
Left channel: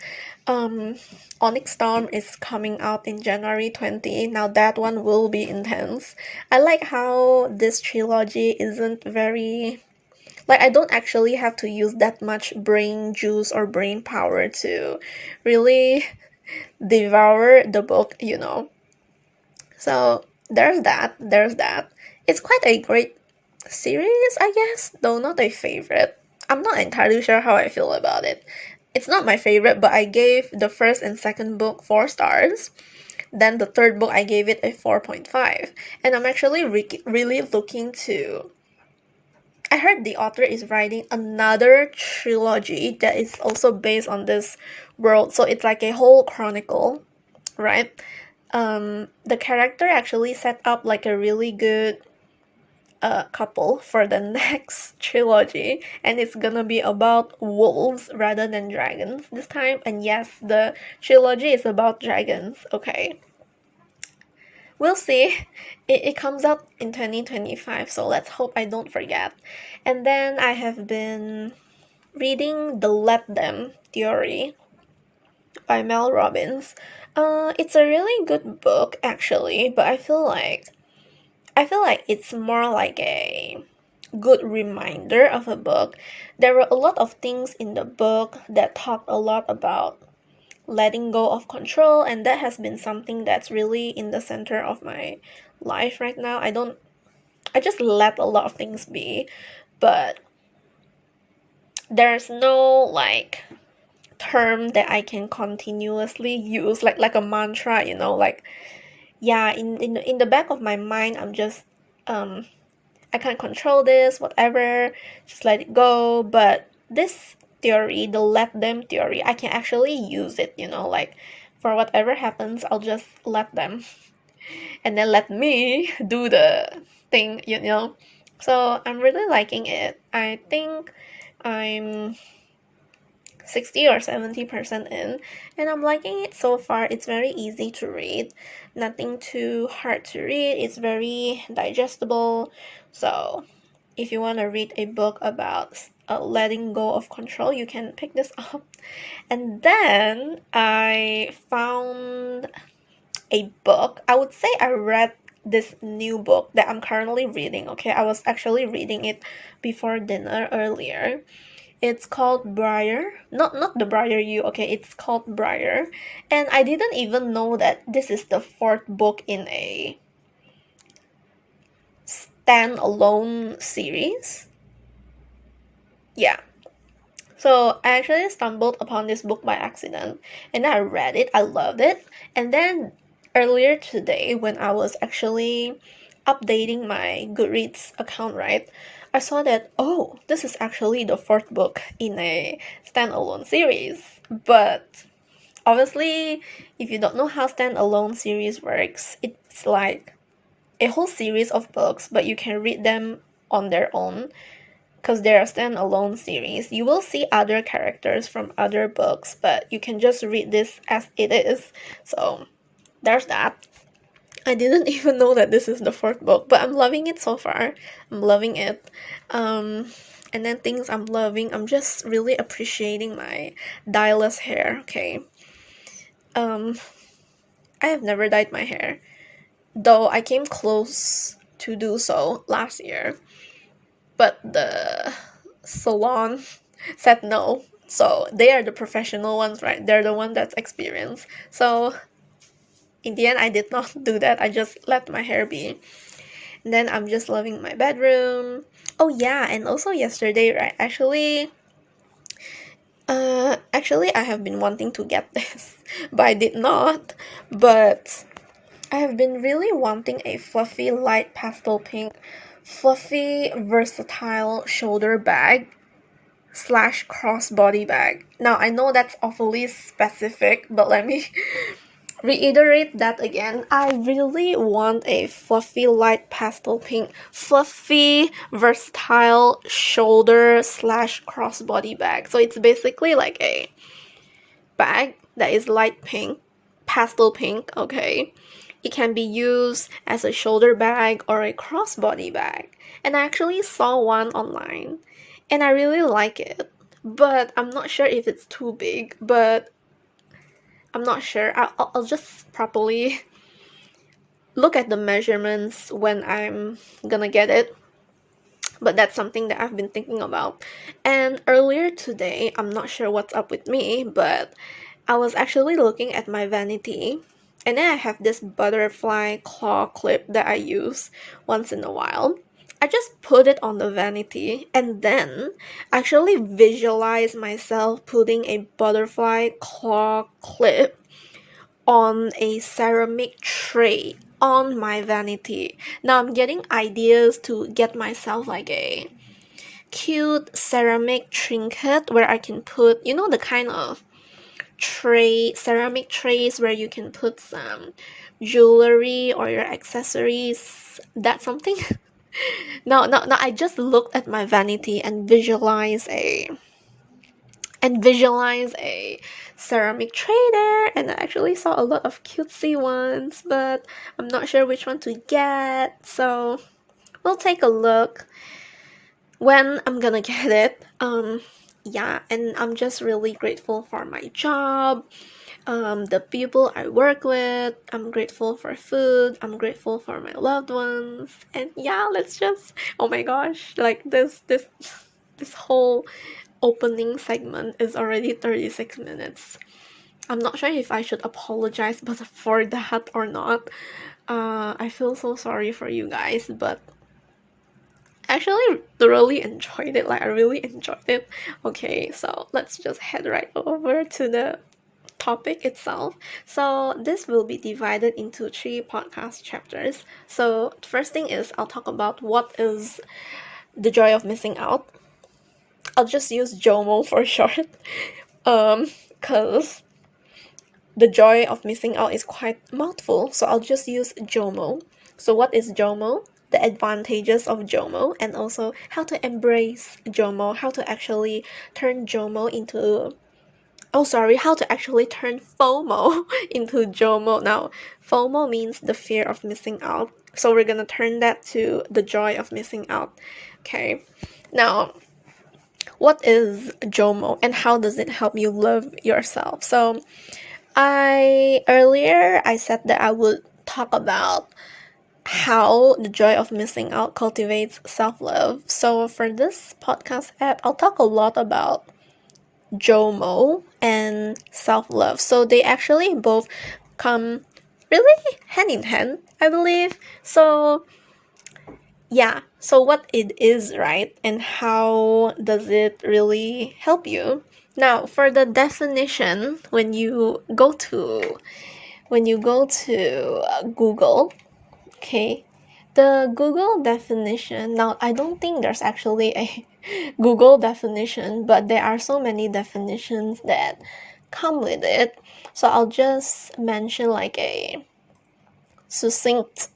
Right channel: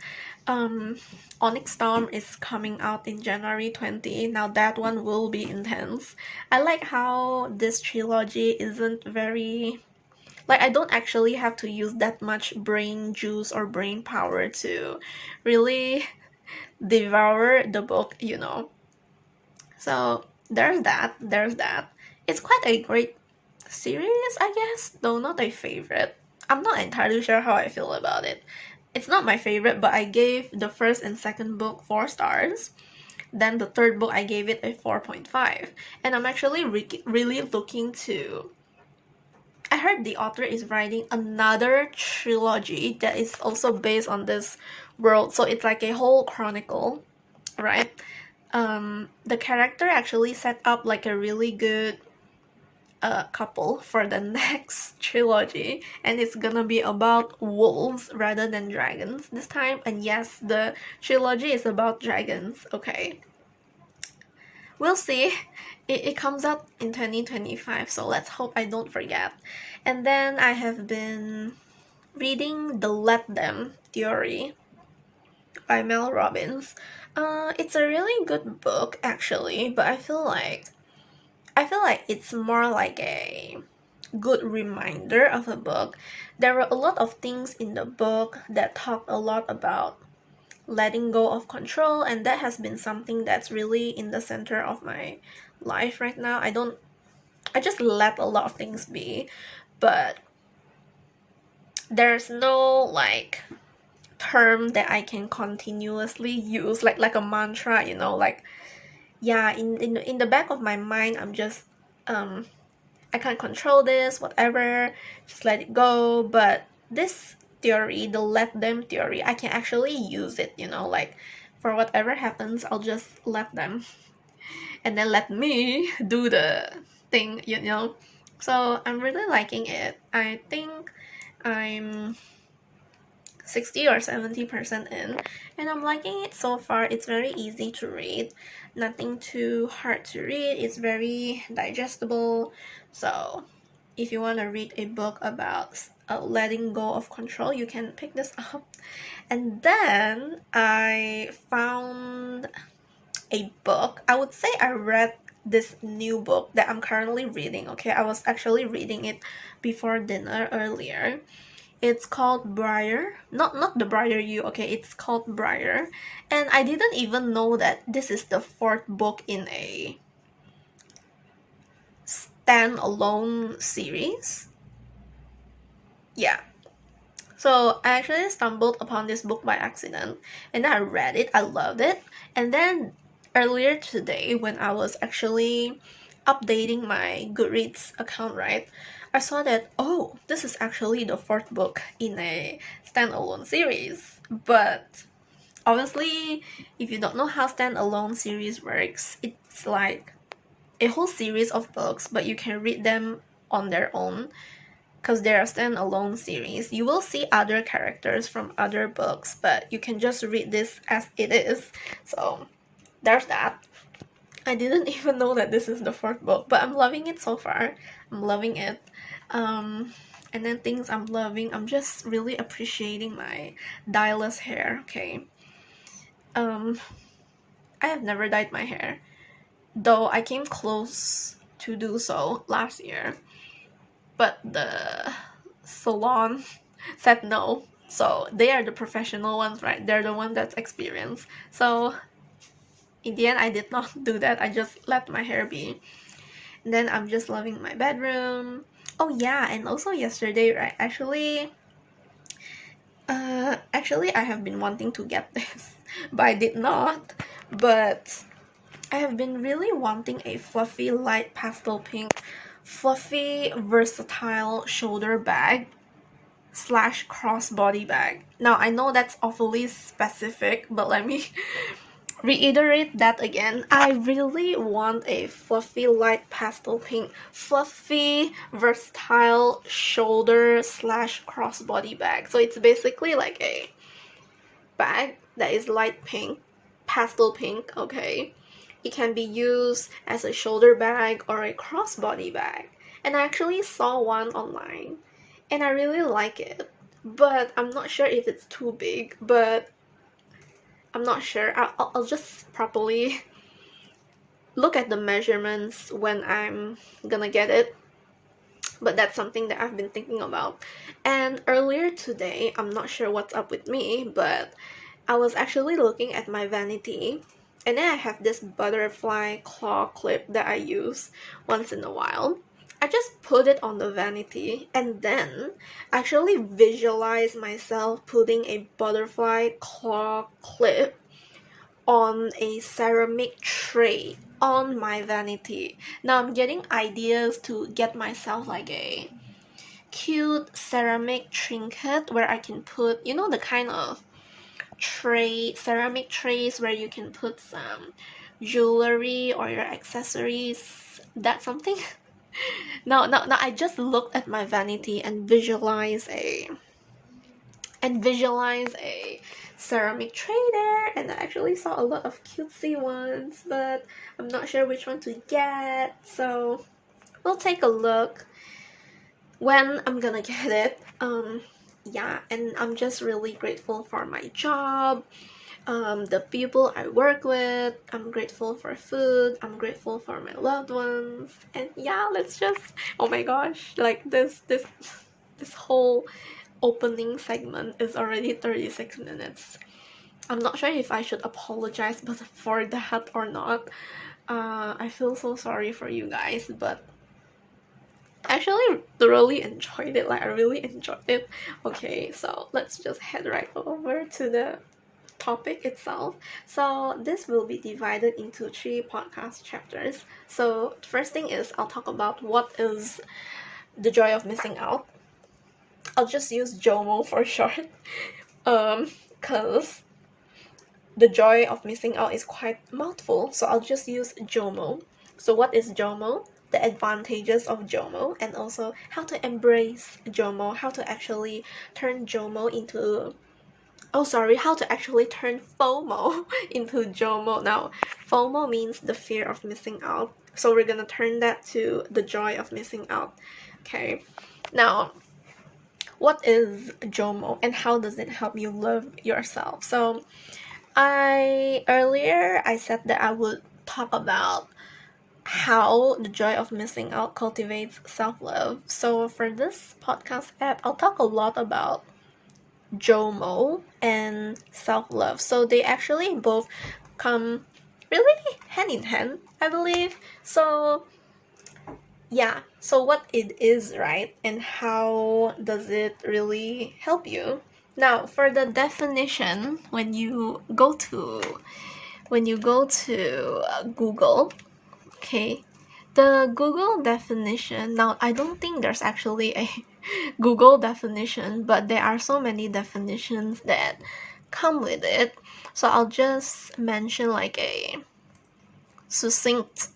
Onyx Storm is coming out in January 20. Now that one will be intense. I like how this trilogy isn't very, like, I don't actually have to use that much brain juice or brain power to really devour the book, you know. So there's that. It's quite a great series, I guess, though not a favorite. I'm not entirely sure how I feel about it. It's not my favorite, but I gave the first and second book 4 stars. Then the third book, I gave it a 4.5. And I'm actually really looking to. I heard the author is writing another trilogy that is also based on this world, so it's like a whole chronicle, right? The character actually set up like a really good couple for the next trilogy, and it's gonna be about wolves rather than dragons this time. And yes, the trilogy is about dragons. Okay, we'll see. It comes out in 2025, so let's hope I don't forget. And then I have been reading The Let Them Theory by Mel Robbins. It's a really good book actually, but I feel like it's more like a good reminder of a book. There were a lot of things in the book that talk a lot about letting go of control, and that has been something that's really in the center of my life right now. I just let a lot of things be, but there's no like term that I can continuously use like a mantra, you know, like yeah, in the back of my mind, I'm just I can't control this, whatever, just let it go. But this theory, the let them theory, I can actually use it, you know, like for whatever happens, I'll just let them and then let me do the thing, you know. So I'm really liking it. I think I'm 60 or 70% in, and I'm liking it so far. It's very easy to read, nothing too hard to read, it's very digestible. So if you want to read a book about letting go of control, you can pick this up. And then I found a book. I would say I read this new book that I'm currently reading. Okay, I was actually reading it before dinner earlier. It's called Briar. Not the Briar You, okay, it's called Briar. And I didn't even know that this is the fourth book in a standalone series. Yeah. So I actually stumbled upon this book by accident, and I read it. I loved it. And then earlier today, when I was actually updating my Goodreads account, right, I saw that, oh, this is actually the fourth book in a standalone series. But obviously, if you don't know how standalone series works, it's like a whole series of books, but you can read them on their own because they're a standalone series. You will see other characters from other books, but you can just read this as it is. So there's that. I didn't even know that this is the fourth book, but I'm loving it so far. I'm loving it. And then things I'm loving, I'm just really appreciating my dyeless hair, okay? I have never dyed my hair, though I came close to do so last year, but the salon said no. So they are the professional ones, right? They're the one that's experienced. So in the end, I did not do that. I just let my hair be. And then I'm just loving my bedroom. Oh yeah, and also yesterday, right? Actually, I have been wanting to get this, but I did not. But I have been really wanting a fluffy, light pastel pink, fluffy, versatile shoulder bag / crossbody bag. Now, I know that's awfully specific, but let me reiterate that again. I really want a fluffy light pastel pink, fluffy, versatile shoulder slash crossbody bag. So it's basically like a bag that is light pink, pastel pink, okay? It can be used as a shoulder bag or a crossbody bag. And I actually saw one online and I really like it. But I'm not sure if it's too big, but I'm not sure. I'll just properly look at the measurements when I'm gonna get it. But that's something that I've been thinking about. And earlier today, I'm not sure what's up with me, but I was actually looking at my vanity, and then I have this butterfly claw clip that I use once in a while. I just put it on the vanity and then actually visualize myself putting a butterfly claw clip on a ceramic tray on my vanity. Now I'm getting ideas to get myself like a cute ceramic trinket where I can put, the kind of ceramic trays where you can put some jewelry or your accessories. That's something. No, I just looked at my vanity and visualize a ceramic tray there, and I actually saw a lot of cutesy ones, but I'm not sure which one to get, so we'll take a look when I'm gonna get it. Yeah, and I'm just really grateful for my job, the people I work with. I'm grateful for food. I'm grateful for my loved ones. And yeah, let's just, oh my gosh, like this whole opening segment is already 36 minutes. I'm not sure if I should apologize for that or not. I feel so sorry for you guys, but I actually thoroughly enjoyed it. Like, I really enjoyed it. Okay, so let's just head right over to the topic itself. So this will be divided into 3 podcast chapters. So the first thing is I'll talk about what is the joy of missing out. I'll just use JOMO for short, because the joy of missing out is quite mouthful, so I'll just use JOMO. So what is JOMO? The advantages of JOMO, and also how to embrace JOMO, how to actually turn JOMO into how to actually turn FOMO into JOMO. Now, FOMO means the fear of missing out. So we're gonna turn that to the joy of missing out. Okay. Now, what is JOMO and how does it help you love yourself? So, I said that I would talk about how the joy of missing out cultivates self-love. So for this podcast app, I'll talk a lot about JOMO and self-love. So they actually both come really hand in hand, I believe. So yeah, so what it is, right? And how does it really help you? Now, for the definition, when you go to Google, okay, the Google definition, now I don't think there's actually a Google definition, but there are so many definitions that come with it. So I'll just mention like a succinct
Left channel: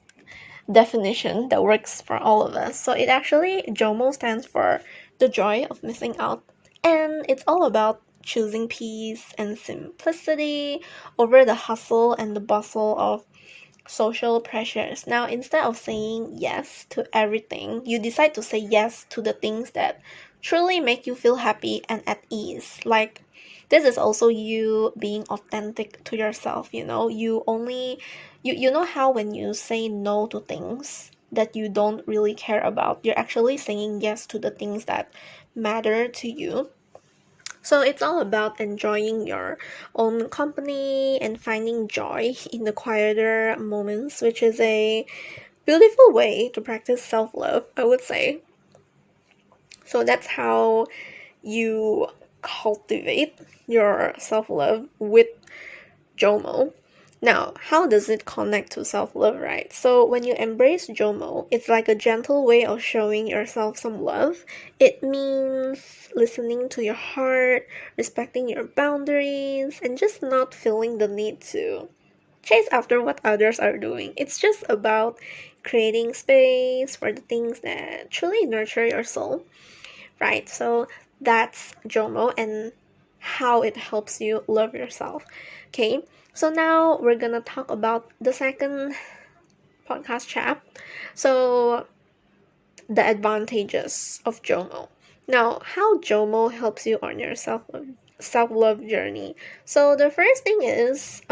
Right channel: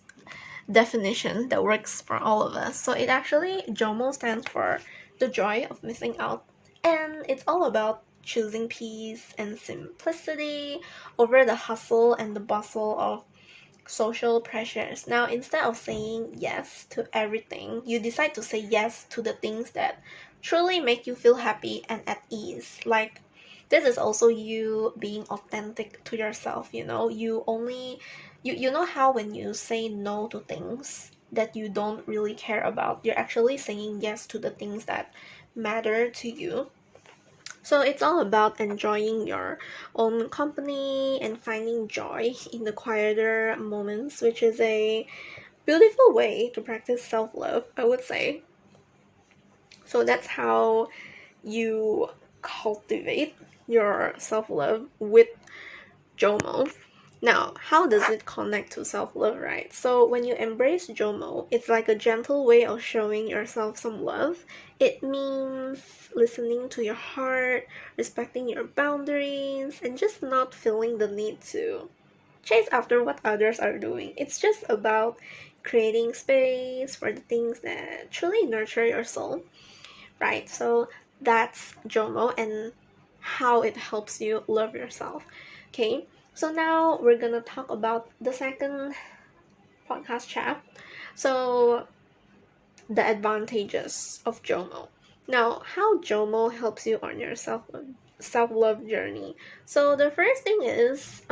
definition that works for all of us. So it actually, JOMO stands for the joy of missing out, and it's all about choosing peace and simplicity over the hustle and the bustle of social pressures. Now, instead of saying yes to everything, you decide to say yes to the things that truly make you feel happy and at ease. Like, this is also you being authentic to yourself, you know? You know how when you say no to things that you don't really care about, you're actually saying yes to the things that matter to you. So it's all about enjoying your own company and finding joy in the quieter moments, which is a beautiful way to practice self-love, I would say. So that's how you cultivate your self-love with JOMO. Now, how does it connect to self-love, right? So when you embrace JOMO, it's like a gentle way of showing yourself some love. It means listening to your heart, respecting your boundaries, and just not feeling the need to chase after what others are doing. It's just about creating space for the things that truly nurture your soul, right? So that's JOMO and how it helps you love yourself. Okay, so now we're gonna talk about the second podcast chat. So the advantages of JOMO. Now, how JOMO helps you on your self-love journey. So the first thing is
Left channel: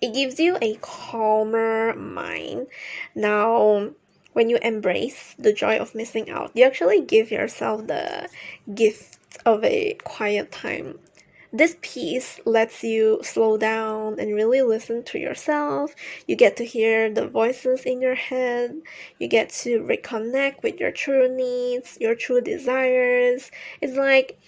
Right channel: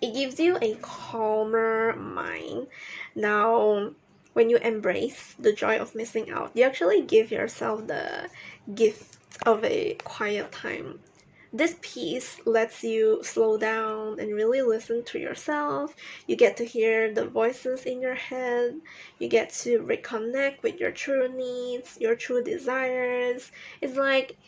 it gives you a calmer mind. Now, when you embrace the joy of missing out, you actually give yourself the gift of a quiet time. This piece lets you slow down and really listen to yourself. You get to hear the voices in your head. You get to reconnect with your true needs, your true desires. It's like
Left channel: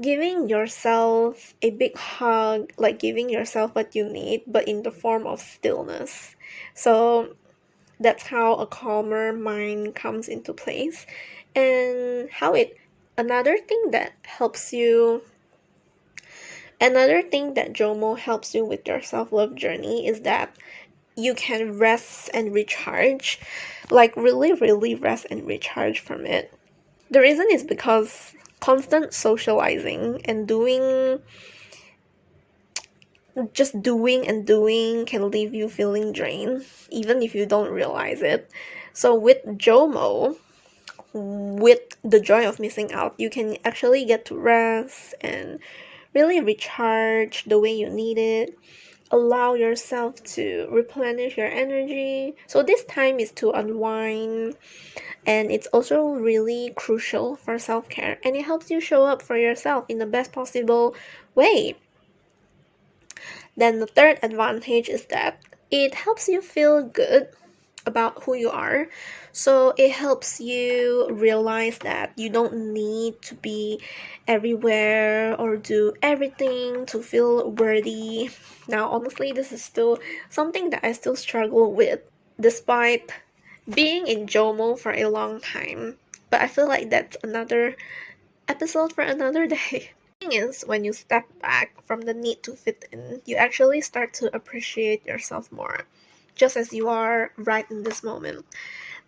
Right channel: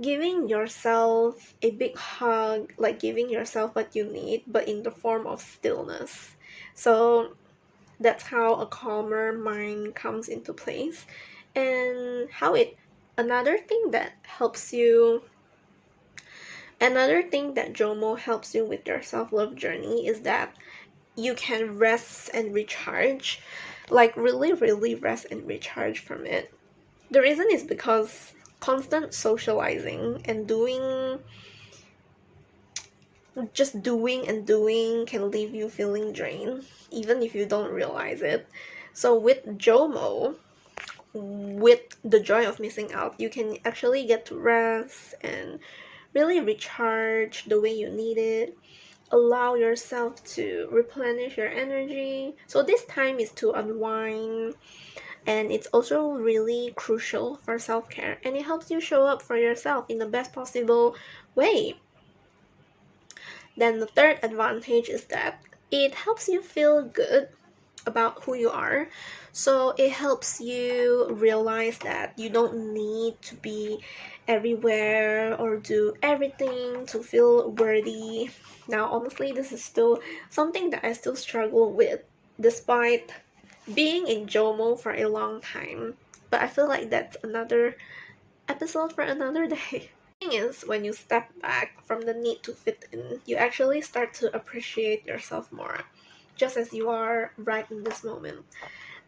giving yourself a big hug, like giving yourself what you need, but in the form of stillness. So that's how a calmer mind comes into place. And another thing that helps you Another thing that JOMO helps you with your self-love journey is that you can rest and recharge, like really, really rest and recharge from it. The reason is because constant socializing and just doing and doing can leave you feeling drained, even if you don't realize it. So with JOMO, with the joy of missing out, you can actually get to rest and really recharge the way you need it. Allow yourself to replenish your energy. So this time is to unwind, and it's also really crucial for self-care, and it helps you show up for yourself in the best possible way. Then the third advantage is that it helps you feel good about who you are. So it helps you realize that you don't need to be everywhere or do everything to feel worthy. Now, honestly, this is still something that I still struggle with despite being in JOMO for a long time. But I feel like that's another episode for another day. The thing is, when you step back from the need to fit in, you actually start to appreciate yourself more, just as you are right in this moment.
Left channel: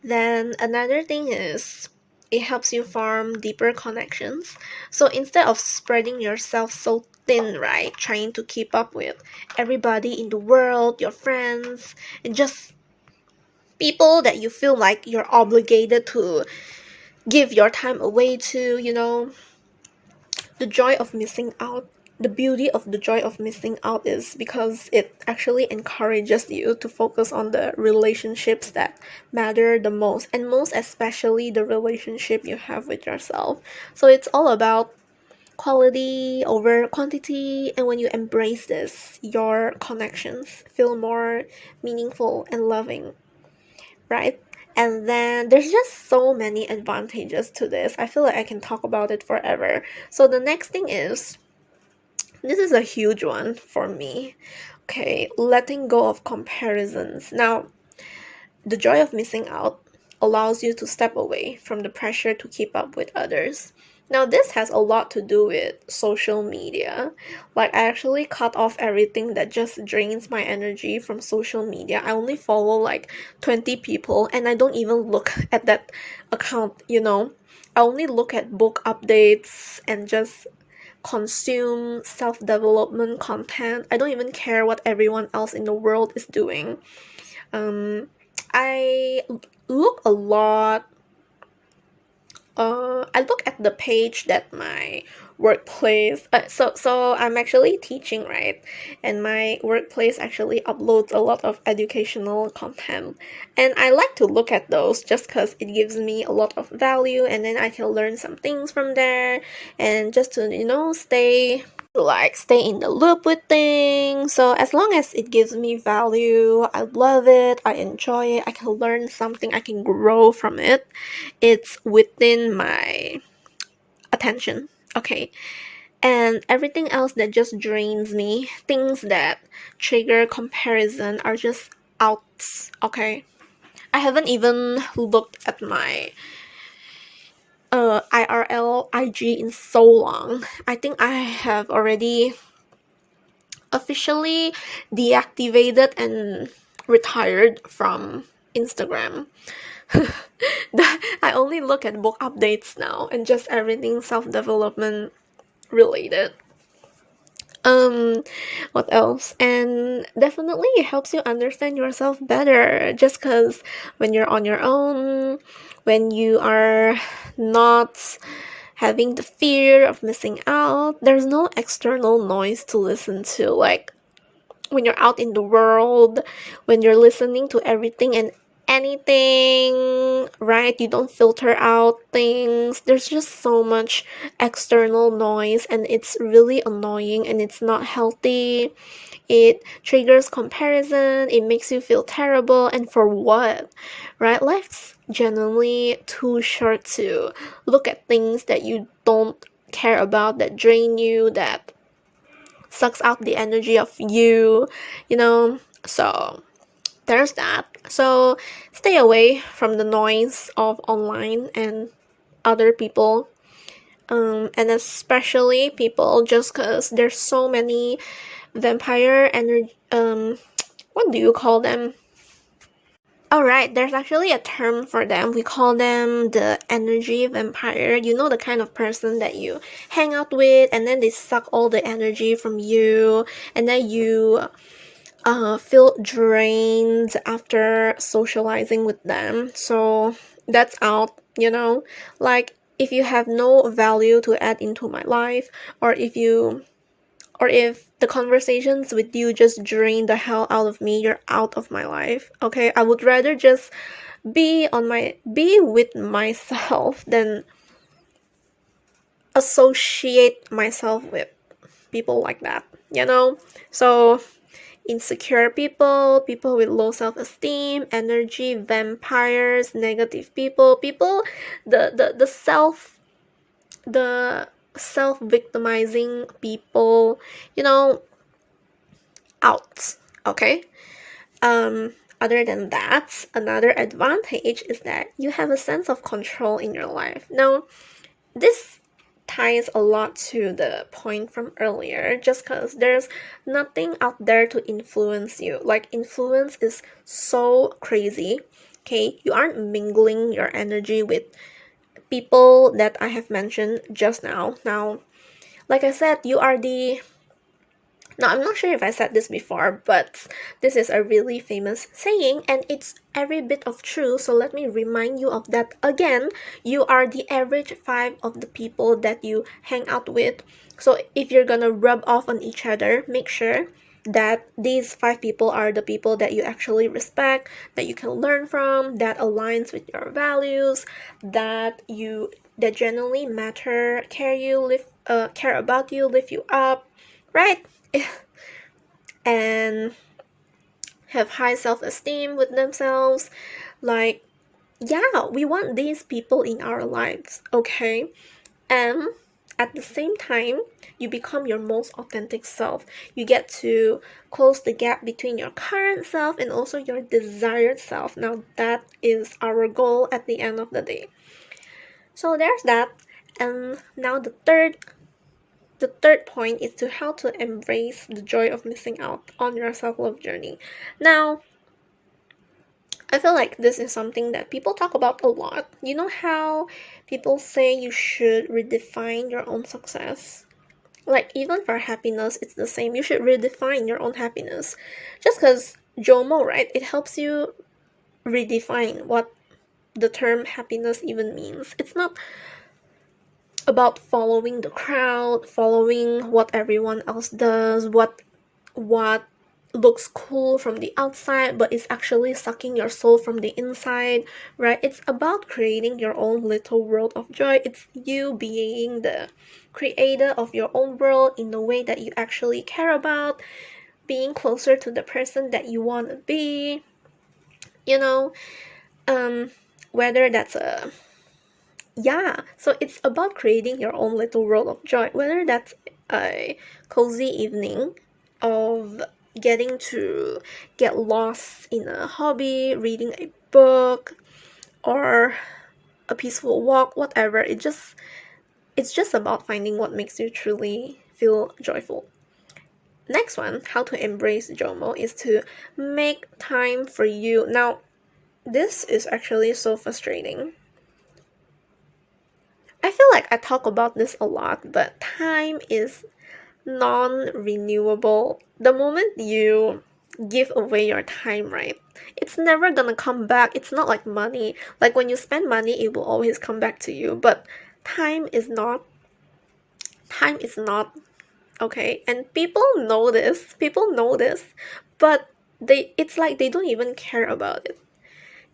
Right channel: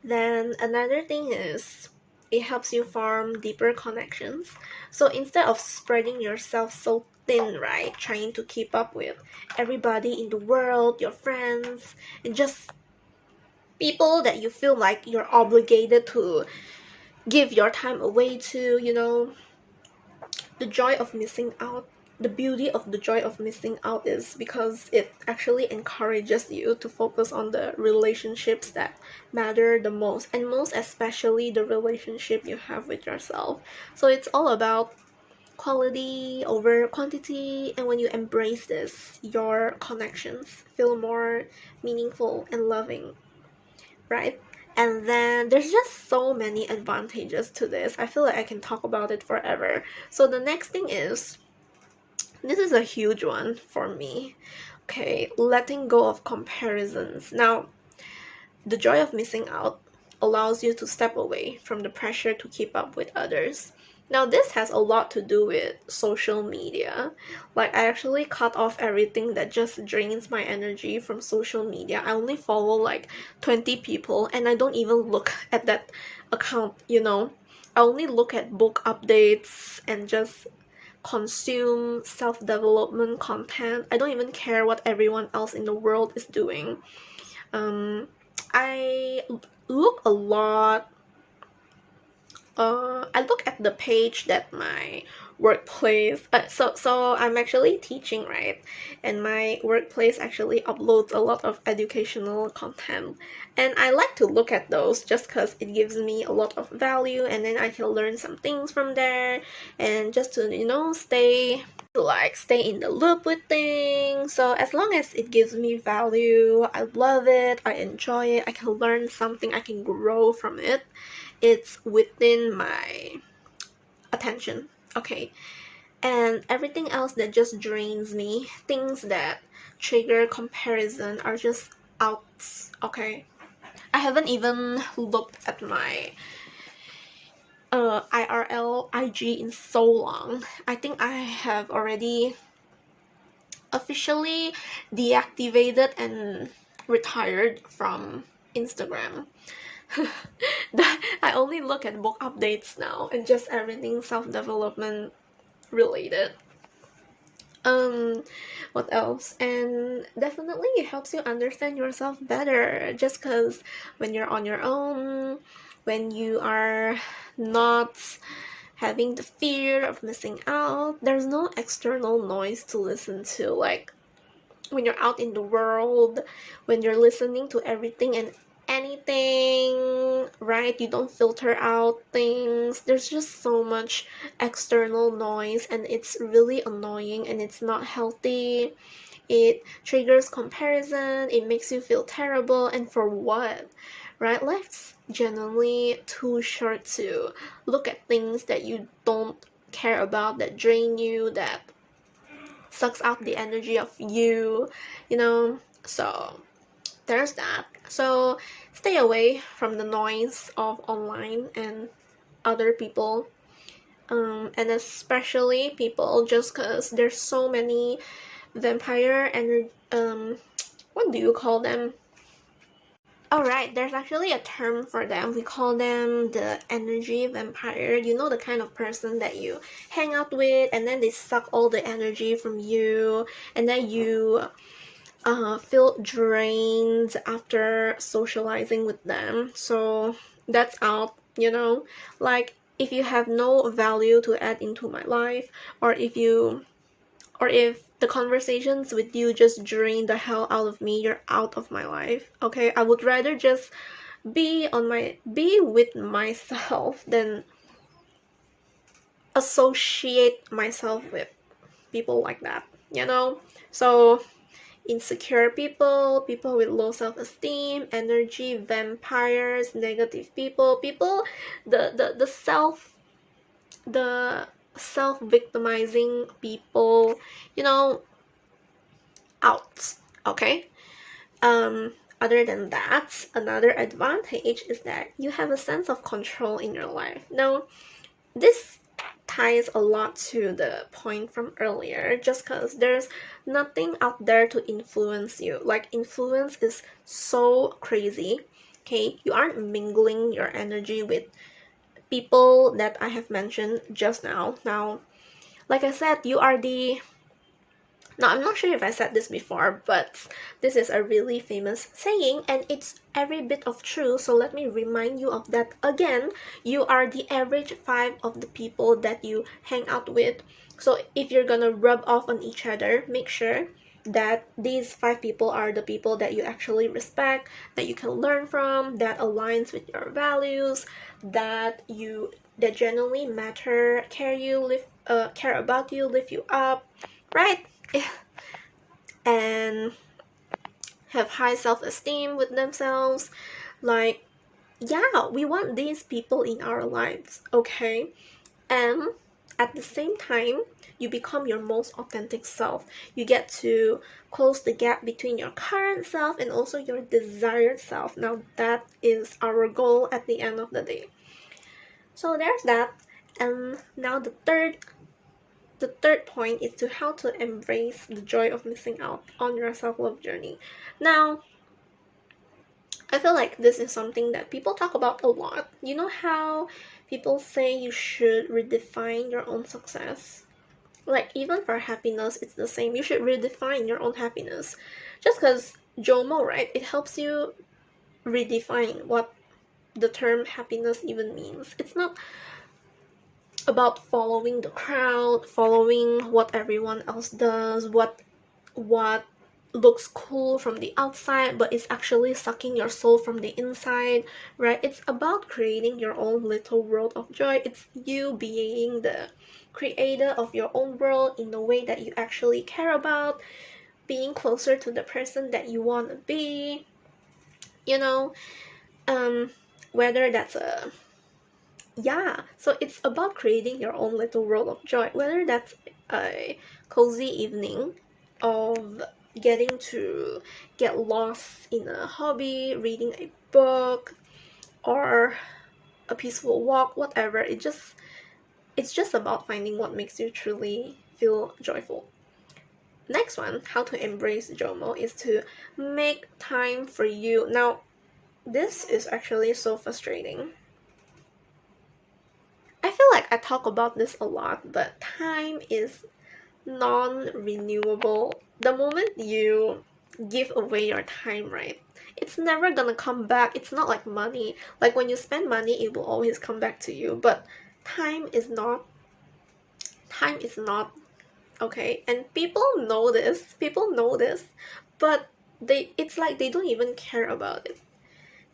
Then another thing is it helps you form deeper connections. So instead of spreading yourself so thin, right, trying to keep up with everybody in the world, your friends, and just people that you feel like you're obligated to give your time away to, the joy of missing out. The beauty of the joy of missing out is because it actually encourages you to focus on the relationships that matter the most, and most especially the relationship you have with yourself. So it's all about quality over quantity, and when you embrace this, your connections feel more meaningful and loving, right? And then there's just so many advantages to this. I feel like I can talk about it forever. So the next thing is, this is a huge one for me. Okay, letting go of comparisons. Now, the joy of missing out allows you to step away from the pressure to keep up with others. Now, this has a lot to do with social media. Like, I actually cut off everything that just drains my energy from social media. I only follow like 20 people, and I don't even look at that account. I only look at book updates and just consume self-development content. I don't even care what everyone else in the world is doing. I look a lot I look at the page that my workplace so I'm actually teaching, right? And my workplace actually uploads a lot of educational content, and I like to look at those just because it gives me a lot of value, and then I can learn some things from there, and just to stay in the loop with things. So as long as it gives me value, I love it, I enjoy it, I can learn something, I can grow from it, it's within my attention. Okay. And everything else that just drains me, things that trigger comparison, are just out. Okay. I haven't even looked at my IRL IG in so long. I think I have already officially deactivated and retired from Instagram. I only look at book updates now and just everything self-development related. What else? And definitely it helps you understand yourself better, just because when you're on your own, when you are not having the fear of missing out, there's no external noise to listen to. Like when you're out in the world, when you're listening to everything and anything, right? You don't filter out things. There's just so much external noise, and it's really annoying and it's not healthy. It triggers comparison, it makes you feel terrible, and for what? Right? Life's genuinely too short to look at things that you don't care about, that drain you, that sucks out the energy of you, you know? So there's that. So stay away from the noise of online and other people, and especially people, just because there's so many vampire energy, what do you call them? Alright, there's actually a term for them. We call them the energy vampire. You know, the kind of person that you hang out with and then they suck all the energy from you, and then you feel drained after socializing with them. So that's out, you know? Like, if you have no value to add into my life, or if the conversations with you just drain the hell out of me, you're out of my life. Okay, I would rather just be with myself than associate myself with people like that, you know? So insecure people, people with low self-esteem, energy vampires, negative people, the self-victimizing people, you know, out. Okay. Other than that, another advantage is that you have a sense of control in your life. Now, this ties a lot to the point from earlier, just because there's nothing out there to influence you. Like, influence is so crazy. Okay, you aren't mingling your energy with people that I have mentioned just now. Now, like I said, you are the now, I'm not sure if I said this before, but this is a really famous saying, and it's every bit of true, so let me remind you of that again. You are the average 5 of the people that you hang out with. So if you're gonna rub off on each other, make sure that these 5 people are the people that you actually respect, that you can learn from, that aligns with your values, that genuinely matter, care about you, lift you up, right? And have high self-esteem with themselves. Like, yeah, we want these people in our lives, okay? And at the same time, you become your most authentic self. You get to close the gap between your current self and also your desired self. Now, that is our goal at the end of the day. So there's that. And now the third point is to how to embrace the joy of missing out on your self-love journey. Now, I feel like this is something that people talk about a lot. You know how people say you should redefine your own success? Like, even for happiness, it's the same. You should redefine your own happiness. Just because JOMO, right? It helps you redefine what the term happiness even means. It's not about following the crowd, following what everyone else does, what looks cool from the outside, but it's actually sucking your soul from the inside, right? It's about creating your own little world of joy. It's you being the creator of your own world in the way that you actually care about, being closer to the person that you want to be, you know, whether that's so it's about creating your own little world of joy, whether that's a cozy evening of getting to get lost in a hobby, reading a book, or a peaceful walk, whatever. It's just about finding what makes you truly feel joyful. next one, how to embrace JOMO, is to make time for you. Now, this is actually so frustrating. I feel like I talk about this a lot, but time is non-renewable. The moment you give away your time, right, it's never gonna come back. It's not like money. Like when you spend money, it will always come back to you. But time is not. Time is not, okay? And people know this. People know this, but it's like they don't even care about it,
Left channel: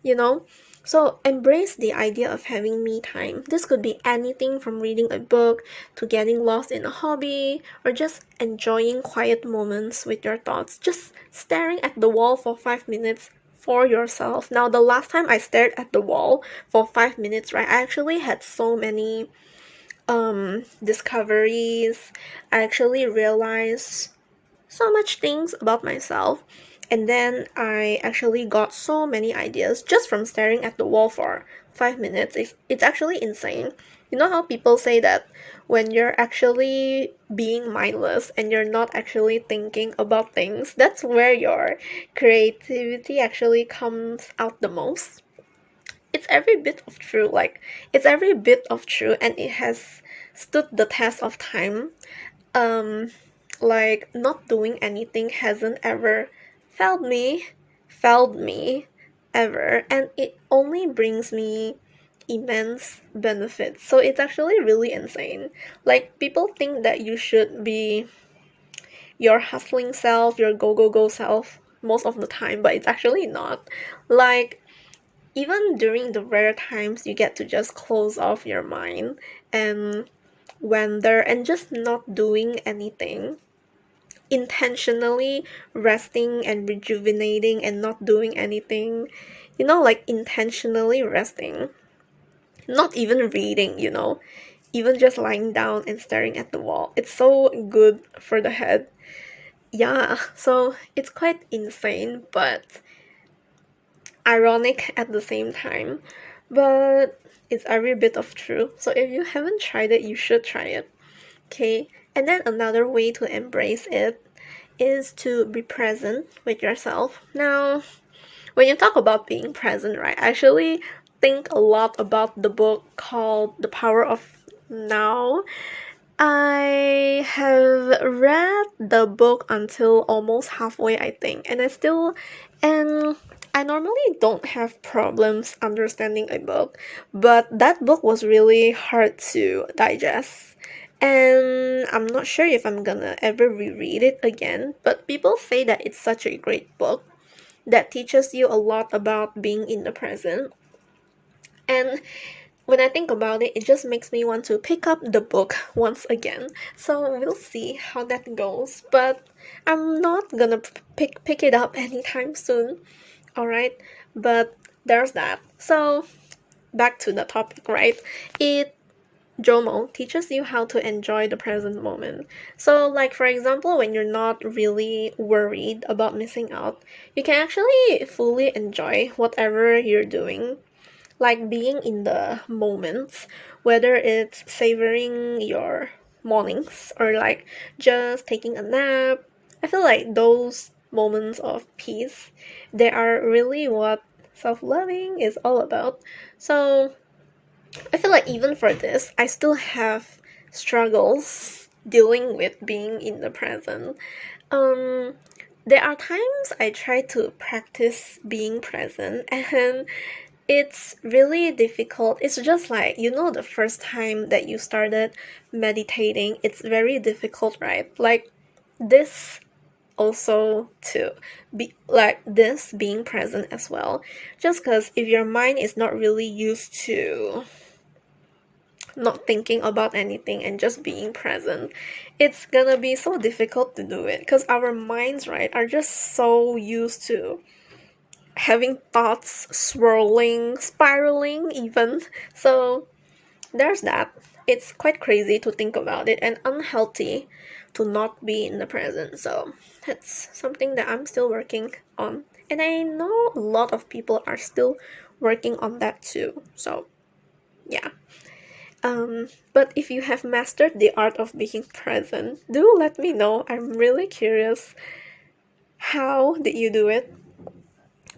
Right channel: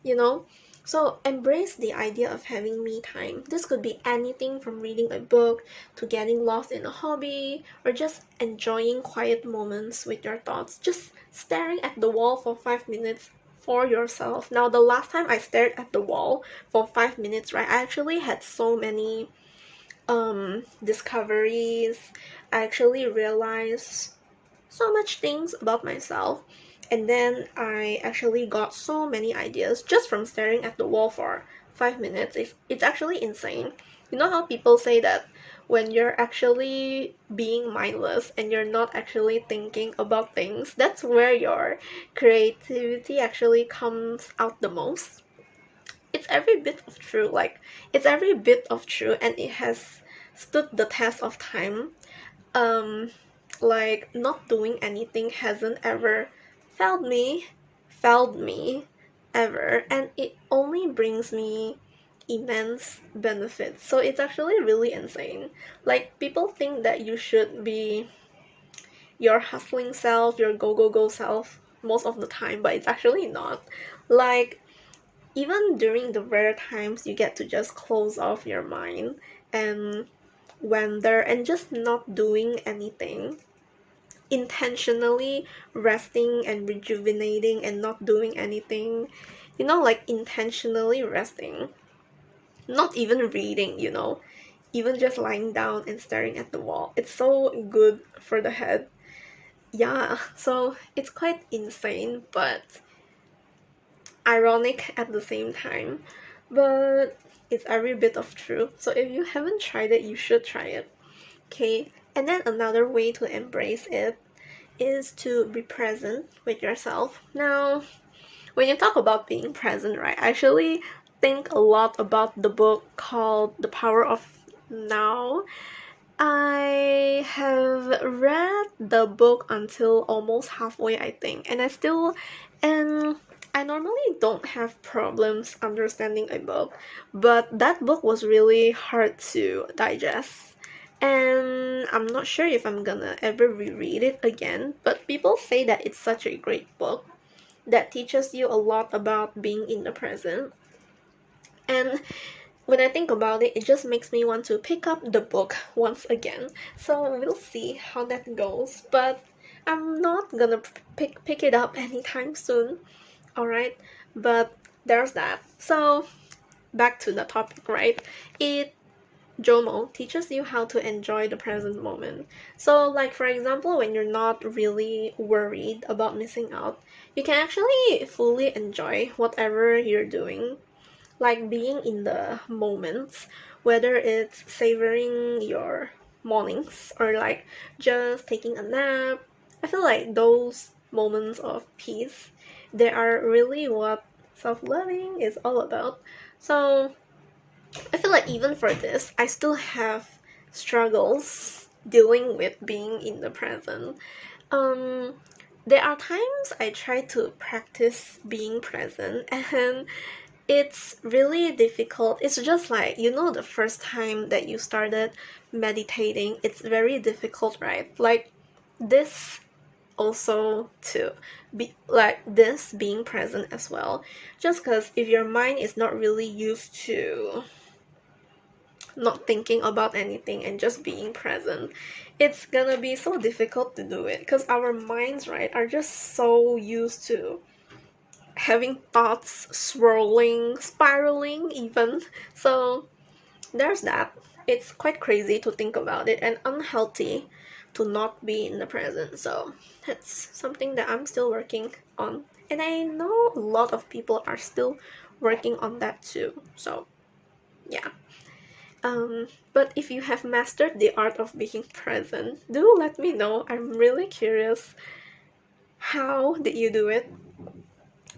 you know? So embrace the idea of having me time. This could be anything from reading a book to getting lost in a hobby or just enjoying quiet moments with your thoughts. Just staring at the wall for 5 minutes for yourself. Now, the last time I stared at the wall for 5 minutes, right, I actually had so many discoveries. I actually realized so much things about myself, and then I actually got so many ideas just from staring at the wall for 5 minutes. It's actually insane. You know how people say that when you're actually being mindless and you're not actually thinking about things, that's where your creativity actually comes out the most. It's every bit of true. Like, it's every bit of true, and it has stood the test of time. um like not doing anything hasn't ever failed me ever, and it only brings me immense benefits. So it's actually really insane. Like, people think that you should be your hustling self, your go self most of the time, but it's actually not. Like, even during the rare times you get to just close off your mind and wander and just not doing anything, intentionally resting and rejuvenating and not doing anything, like intentionally resting, not even reading, even just lying down and staring at the wall. It's so good for the head. Yeah, so it's quite insane, but ironic at the same time. But it's every bit of true. So if you haven't tried it, you should try it. Okay, and then another way to embrace it is to be present with yourself. Now, when you talk about being present, right, I actually think a lot about the book called The Power of Now. I have read the book until almost halfway, I think, and I normally don't have problems understanding a book, but that book was really hard to digest. And I'm not sure if I'm gonna ever reread it again, but people say that it's such a great book that teaches you a lot about being in the present. And when I think about it, it just makes me want to pick up the book once again. So we'll see how that goes. But I'm not gonna pick it up anytime soon. Alright? But there's that. So back to the topic, right? JOMO teaches you how to enjoy the present moment. So, like, for example, when you're not really worried about missing out, you can actually fully enjoy whatever you're doing, like being in the moments, whether it's savoring your mornings or like just taking a nap. I feel like those moments of peace, they are really what self-loving is all about. So I feel like even for this, I still have struggles dealing with being in the present. Um, there are times I try to practice being present, and it's really difficult. It's just like, the first time that you started meditating, it's very difficult, right? Like this also to be like this being present as well. Just because if your mind is not really used to not thinking about anything and just being present, it's gonna be so difficult to do it because our minds, right, are just so used to having thoughts swirling, spiraling even. So there's that. It's quite crazy to think about it and unhealthy to not be in the present. So that's something that I'm still working on. And I know a lot of people are still working on that too. So yeah. But if you have mastered the art of being present, do let me know. I'm really curious. How did you do it?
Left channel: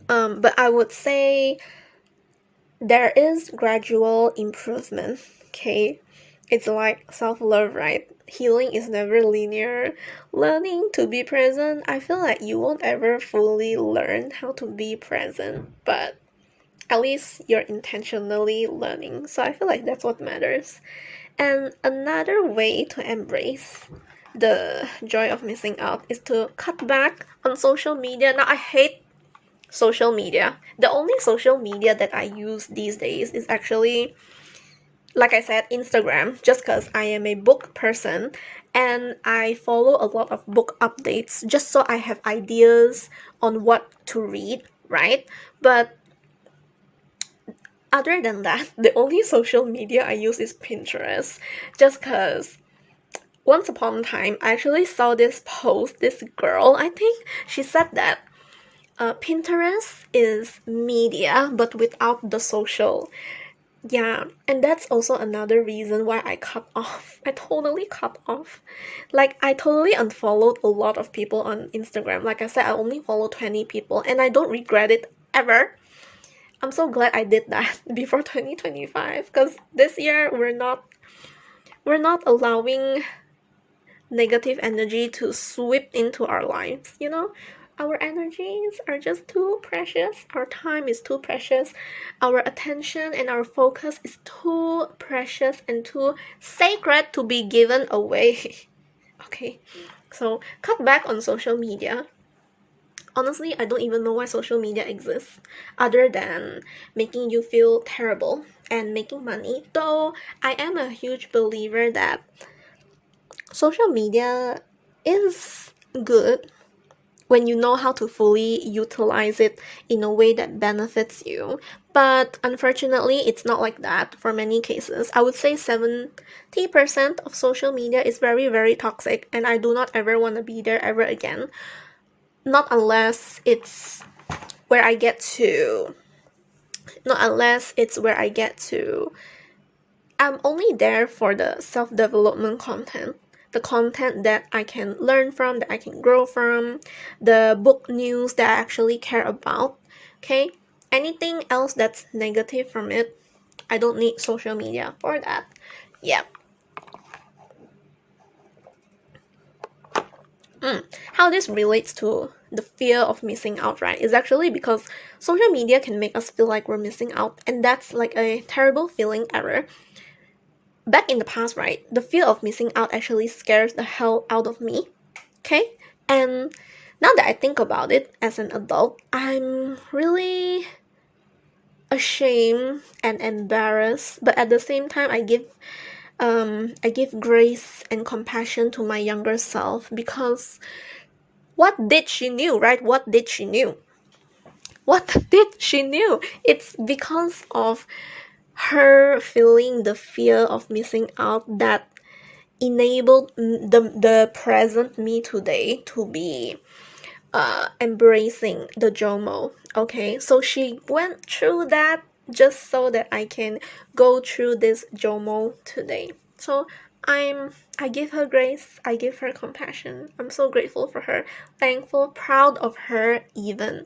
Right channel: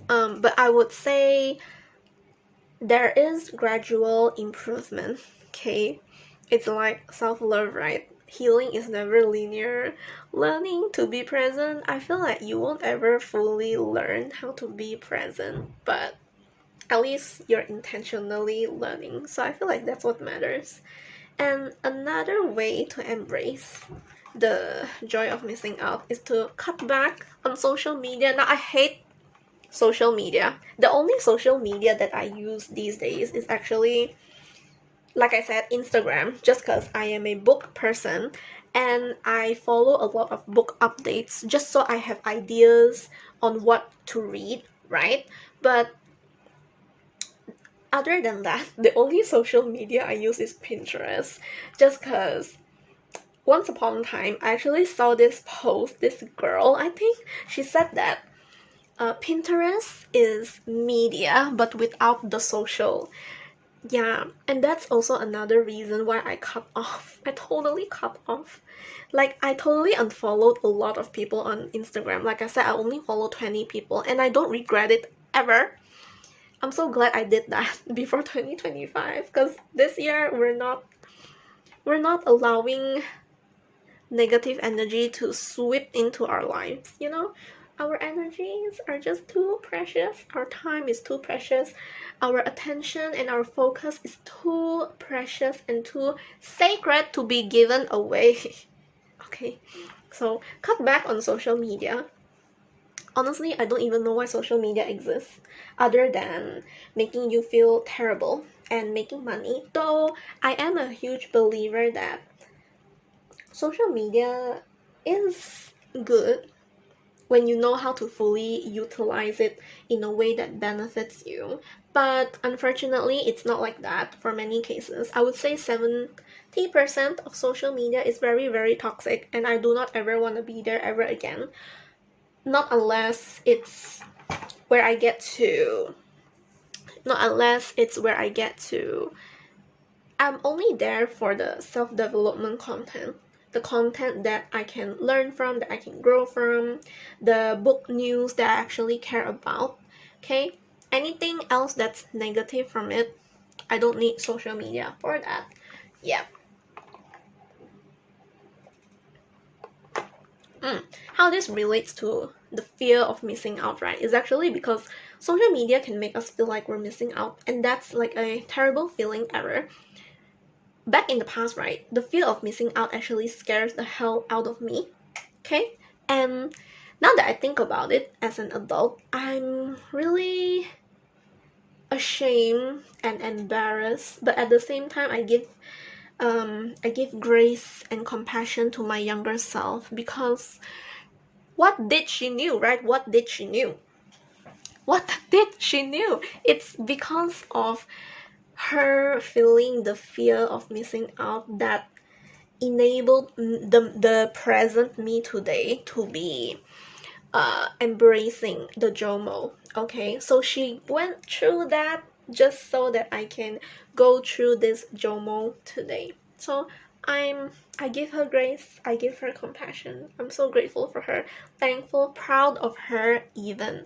But I would say there is gradual improvement, okay? It's like self-love, right? Healing is never linear. Learning to be present, I feel like you won't ever fully learn how to be present, but at least you're intentionally learning. So I feel like that's what matters. And another way to embrace the joy of missing out is to cut back on social media. Now, I hate social media. The only social media that I use these days is actually, like I said, Instagram, just because I am a book person and I follow a lot of book updates just so I have ideas on what to read, right? But other than that, the only social media I use is Pinterest, just because once upon a time, I actually saw this post, this girl, I think, she said that Pinterest is media, but without the social. Yeah, and that's also another reason why I cut off. I totally cut off. Like, I totally unfollowed a lot of people on Instagram. Like I said, I only follow 20 people, and I don't regret it ever. I'm so glad I did that before 2025, because this year we're not allowing negative energy to sweep into our lives, you know? Our energies are just too precious. Our time is too precious. Our attention and our focus is too precious and too sacred to be given away. Okay, so cut back on social media. Honestly, I don't even know why social media exists other than making you feel terrible and making money. Though I am a huge believer that social media is good when you know how to fully utilize it in a way that benefits you. But unfortunately, it's not like that for many cases. I would say 70% of social media is very, very toxic, and I do not ever want to be there ever again. Not unless it's where I get to. Not unless it's where I get to. I'm only there for the self-development content. The content that I can learn from, that I can grow from, the book news that I actually care about. Okay? Anything else that's negative from it, I don't need social media for that. Yeah. How this relates to the fear of missing out, right, is actually because social media can make us feel like we're missing out, and that's like a terrible feeling ever. Back in the past, right, the fear of missing out actually scares the hell out of me. Okay? And now that I think about it as an adult, I'm really ashamed and embarrassed, but at the same time I give grace and compassion to my younger self, because what did she knew, right? What did she knew? It's because of her feeling the fear of missing out that enabled the present me today to be embracing the JOMO. Okay, so she went through that just so that I can go through this JOMO today. So I give her grace, I give her compassion. I'm so grateful for her, thankful, proud of her even.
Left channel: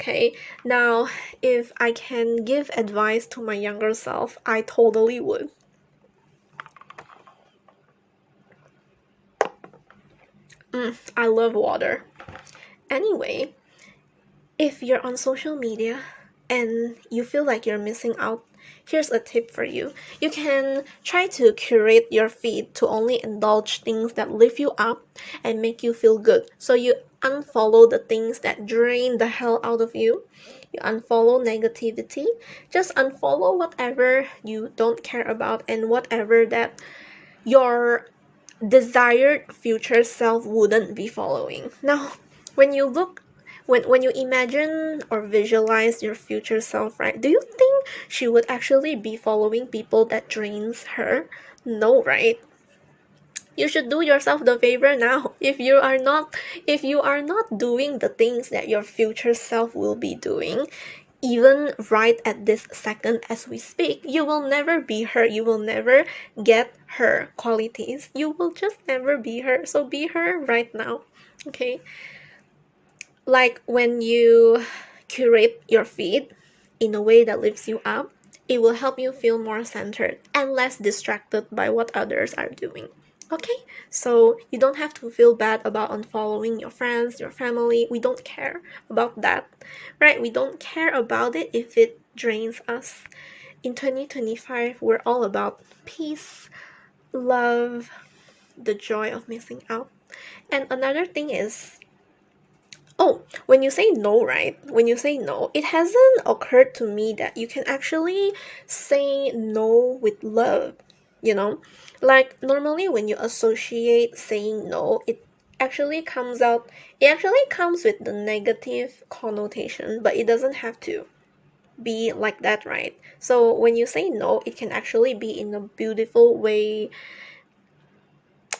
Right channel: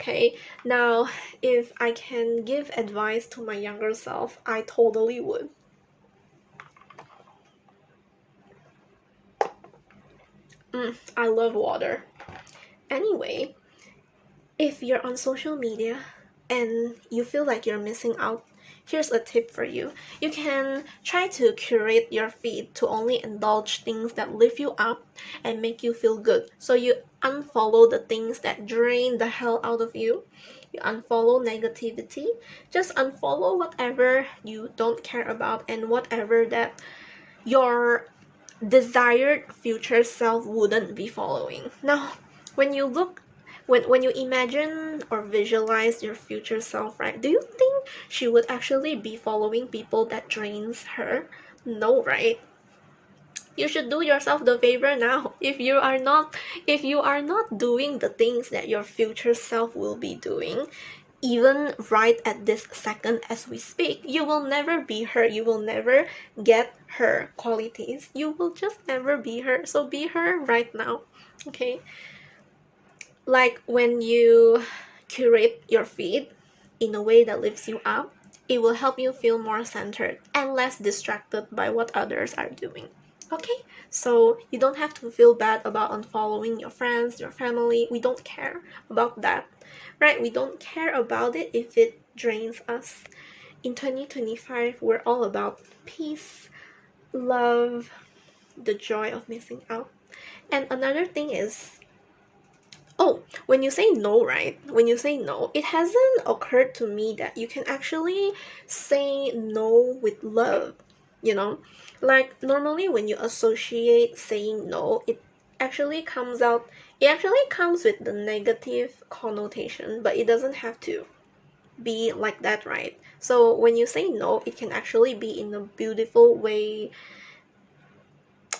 Okay, now if I can give advice to my younger self, I totally would. I love water. Anyway, if you're on social media and you feel like you're missing out, here's a tip for you. You can try to curate your feed to only indulge things that lift you up and make you feel good. So you unfollow the things that drain the hell out of you. You unfollow negativity. Just unfollow whatever you don't care about and whatever that your desired future self wouldn't be following. Now, when you look when you imagine or visualize your future self, right, do you think she would actually be following people that drains her? No, right? You should do yourself the favor now. If you are not doing the things that your future self will be doing, even right at this second as we speak. You will never be her. You will never get her qualities. You will just never be her. So be her right now. Okay? Like when you curate your feed in a way that lifts you up, it will help you feel more centered and less distracted by what others are doing. Okay? So you don't have to feel bad about unfollowing your friends, your family. We don't care about that. Right? We don't care about it if it drains us. In 2025, we're all about peace, love, the joy of missing out. And another thing is, oh, when you say no, right? When you say no, it hasn't occurred to me that you can actually say no with love, you know? Like, normally when you associate saying no, it actually comes with the negative connotation, but it doesn't have to be like that, right? So when you say no, it can actually be in a beautiful way,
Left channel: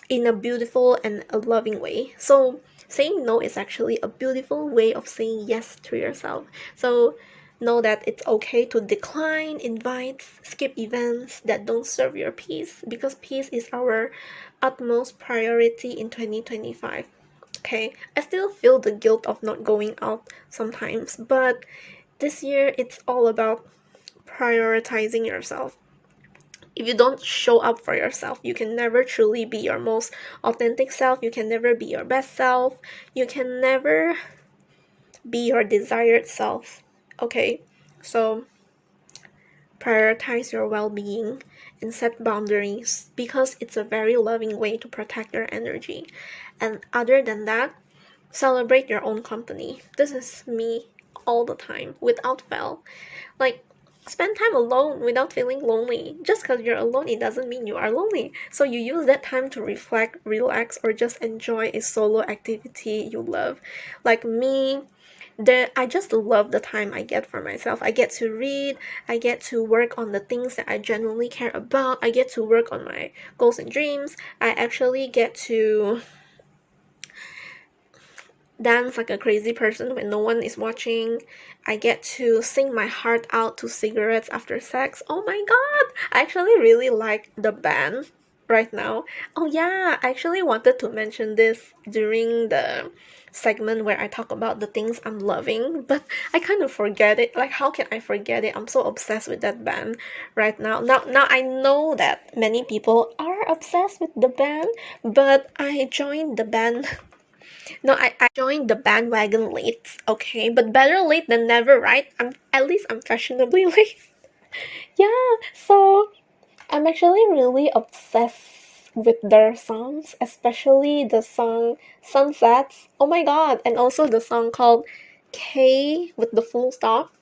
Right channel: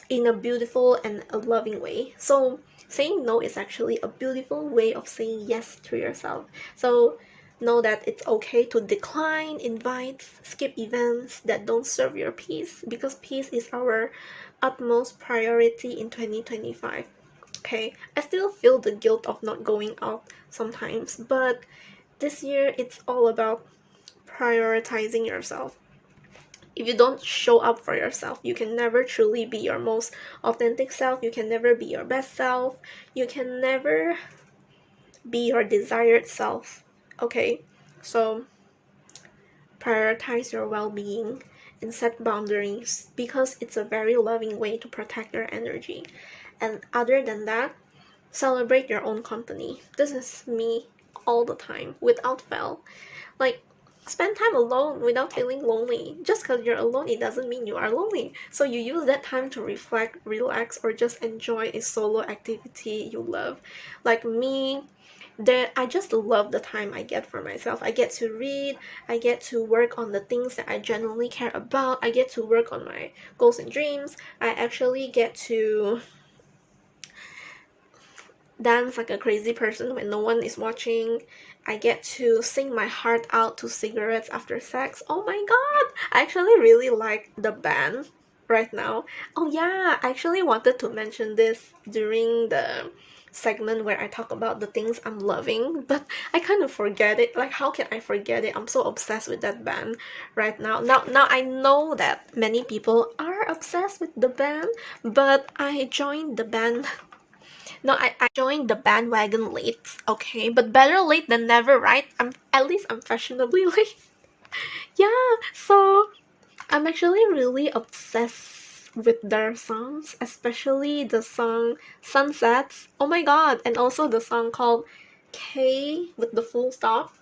in a beautiful and a loving way. So saying no is actually a beautiful way of saying yes to yourself. So know that it's okay to decline invites, skip events that don't serve your peace, because peace is our utmost priority in 2025. Okay, I still feel the guilt of not going out sometimes, but this year it's all about prioritizing yourself. If you don't show up for yourself, you can never truly be your most authentic self. You can never be your best self. You can never be your desired self. Okay? So prioritize your well-being and set boundaries, because it's a very loving way to protect your energy. And other than that, celebrate your own company. This is me all the time, without fail. Like, spend time alone without feeling lonely. Just because you're alone, it doesn't mean you are lonely. So you use that time to reflect, relax, or just enjoy a solo activity you love. Like me, I just love the time I get for myself. I get to read, I get to work on the things that I genuinely care about, I get to work on my goals and dreams, I actually get to dance like a crazy person when no one is watching. I get to sing my heart out to Cigarettes After Sex. Oh my god! I actually really like the band right now. Oh yeah, I actually wanted to mention this during the segment where I talk about the things I'm loving, but I kind of forget it. Like, how can I forget it? I'm so obsessed with that band right now. Now I know that many people are obsessed with the band, but I joined the band. No, I joined the bandwagon late, okay? But better late than never, right? I'm fashionably late. Yeah, so I'm actually really obsessed with their songs, especially the song Sunsets. Oh my god, and also the song called K with the full stop.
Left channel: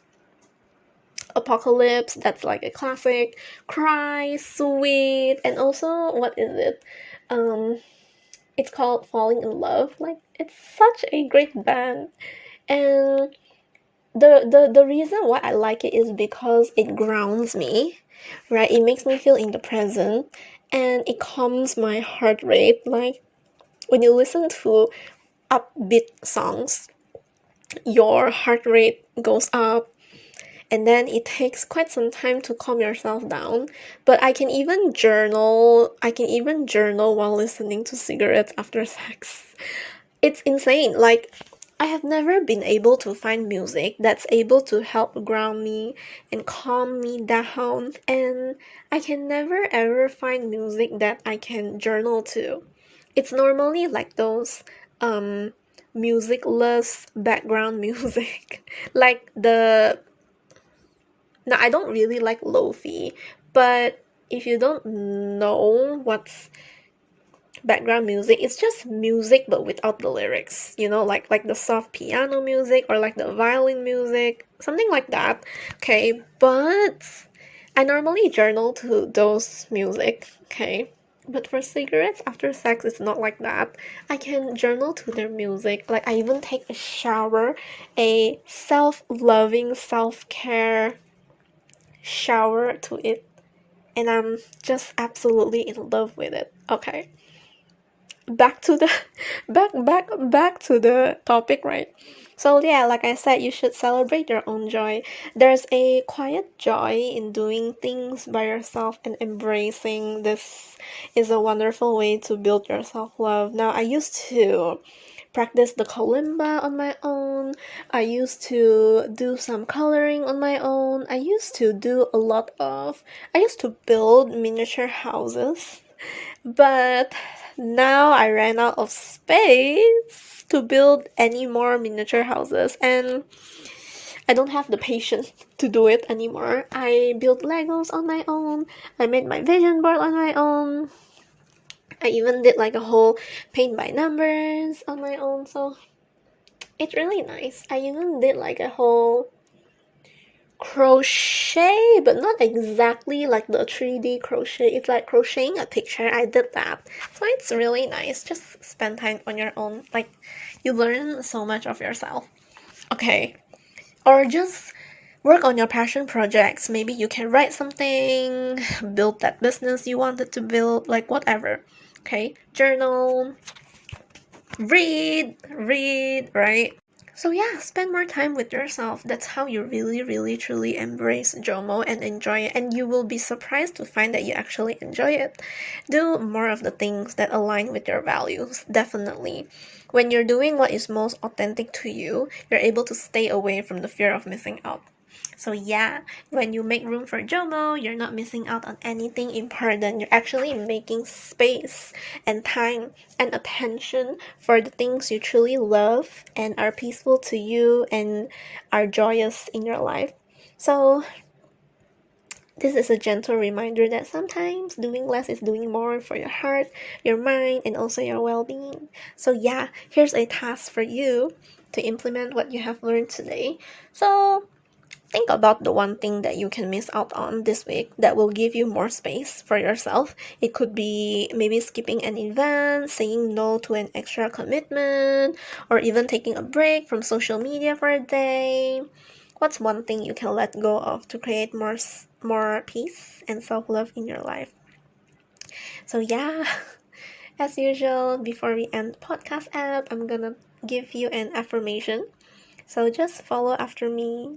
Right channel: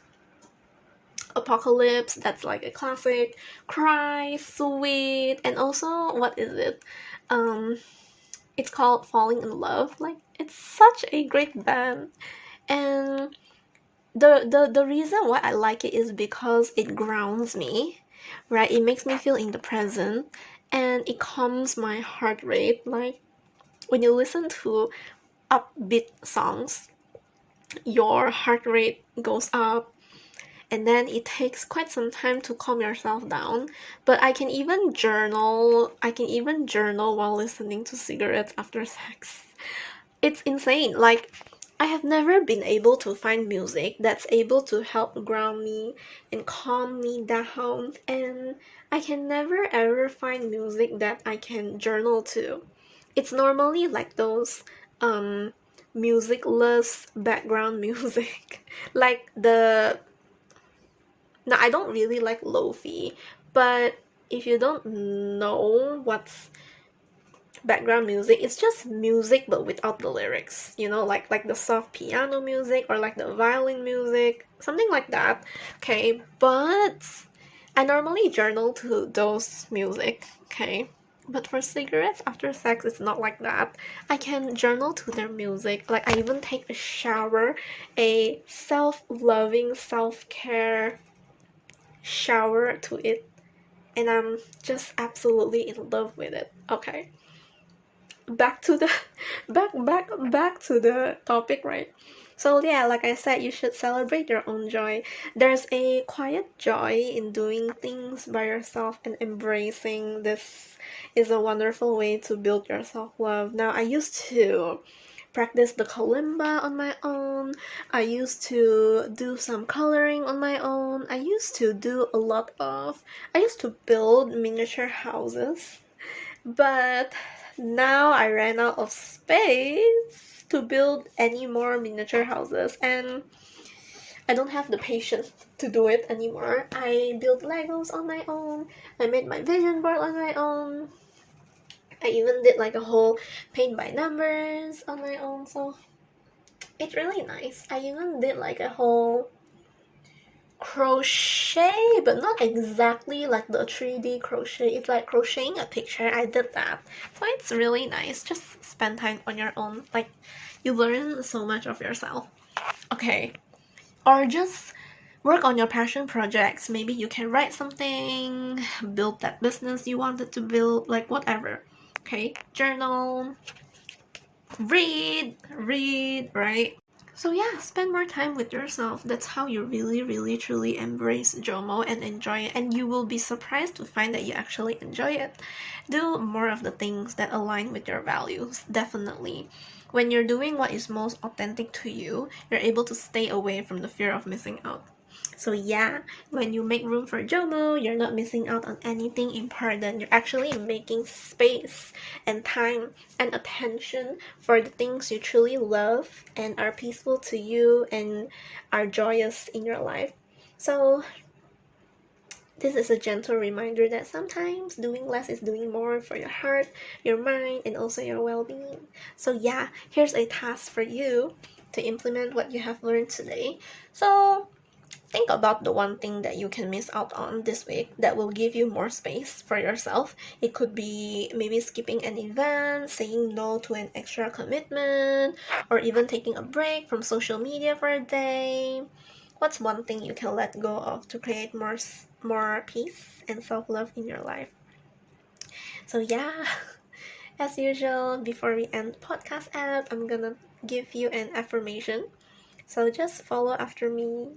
Apocalypse, that's like a classic. Cry, Sweet, and also what is it? Um it's called Falling in Love. Like, it's such a great band. And the reason why I like it is because it grounds me, right? It makes me feel in the present, and it calms my heart rate. Like, when you listen to upbeat songs, your heart rate goes up, and then it takes quite some time to calm yourself down. But I can even journal while listening to Cigarettes After Sex. It's insane. Like, I have never been able to find music that's able to help ground me and calm me down, and I can never ever find music that I can journal to. It's normally like those musicless background music. Like the Now, I don't really like lo-fi, but if you don't know what's background music, it's just music but without the lyrics, like the soft piano music or like the violin music, something like that. Okay, but I normally journal to those music. Okay, but for Cigarettes After Sex, it's not like that. I can journal to their music. Like, I even take a shower, a self-loving, self-care shower to it, and I'm just absolutely in love with it. Okay, back to the back to the topic, right? So yeah, like I said, you should celebrate your own joy. There's a quiet joy in doing things by yourself, and embracing this is a wonderful way to build your self-love. Now, I used to practice the kalimba on my own. I used to do some coloring on my own. I used to build miniature houses. But now I ran out of space to build any more miniature houses, and I don't have the patience to do it anymore. I built Legos on my own. I made my vision board on my own. I even did like a whole paint by numbers on my own, so it's really nice. I even did like a whole crochet, but not exactly like the 3D crochet. It's like crocheting a picture. I did that, so it's really nice. Just spend time on your own. Like, you learn so much of yourself. Okay, or just work on your passion projects. Maybe you can write something, build that business you wanted to build, like whatever. Okay, journal, read, right? So yeah, spend more time with yourself. That's how you really, really, truly embrace JOMO and enjoy it. And you will be surprised to find that you actually enjoy it. Do more of the things that align with your values, definitely. When you're doing what is most authentic to you, you're able to stay away from the fear of missing out. So yeah, when you make room for JOMO, you're not missing out on anything important. You're actually making space and time and attention for the things you truly love and are peaceful to you and are joyous in your life. So this is a gentle reminder that sometimes doing less is doing more for your heart, your mind, and also your well-being. So yeah, here's a task for you to implement what you have learned today. So think about the one thing that you can miss out on this week that will give you more space for yourself. It could be maybe skipping an event, saying no to an extra commitment, or even taking a break from social media for a day. What's one thing you can let go of to create more peace and self-love in your life? So yeah, as usual, before we end podcast app, I'm gonna give you an affirmation. So just follow after me.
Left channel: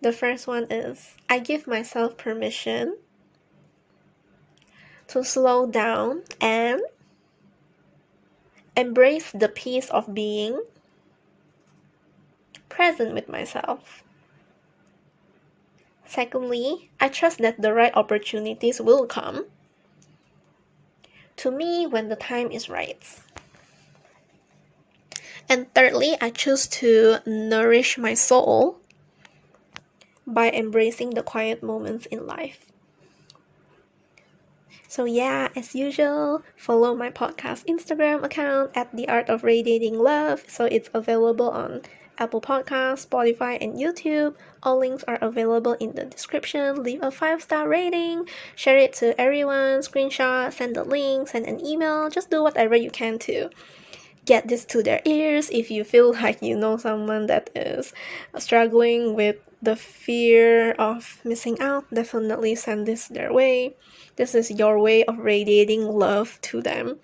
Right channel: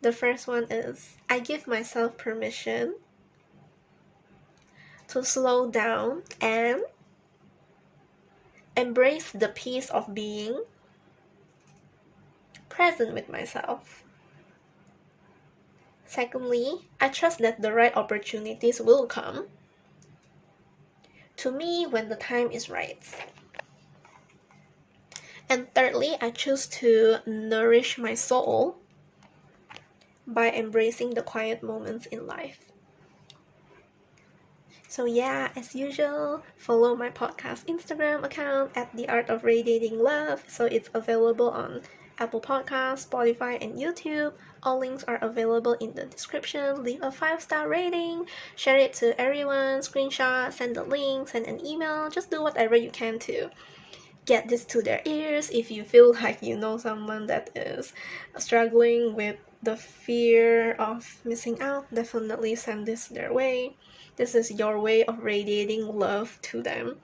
The first one is, I give myself permission to slow down and embrace the peace of being present with myself. Secondly, I trust that the right opportunities will come to me when the time is right. And thirdly, I choose to nourish my soul by embracing the quiet moments in life. So yeah, as usual, follow my podcast Instagram account at the Art of Radiating Love. So it's available on Apple Podcasts, Spotify, and YouTube. All links are available in the description. Leave a 5-star rating, share it to everyone, screenshot, send the link, send an email. Just do whatever you can to get this to their ears. If you feel like you know someone that is struggling with the fear of missing out, definitely send this their way. This is your way of radiating love to them,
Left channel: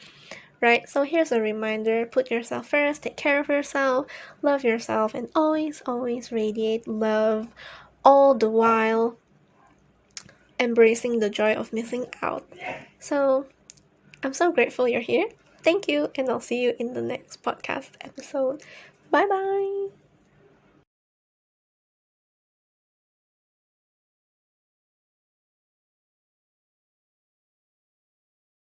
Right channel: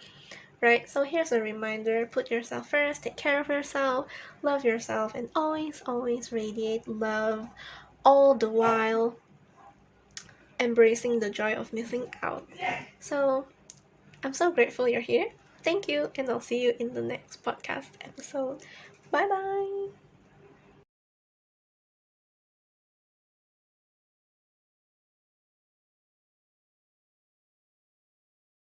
right? So here's a reminder: put yourself first, take care of yourself, love yourself, and always, always radiate love, all the while embracing the joy of missing out. So I'm so grateful you're here. Thank you, and I'll see you in the next podcast episode. Bye bye.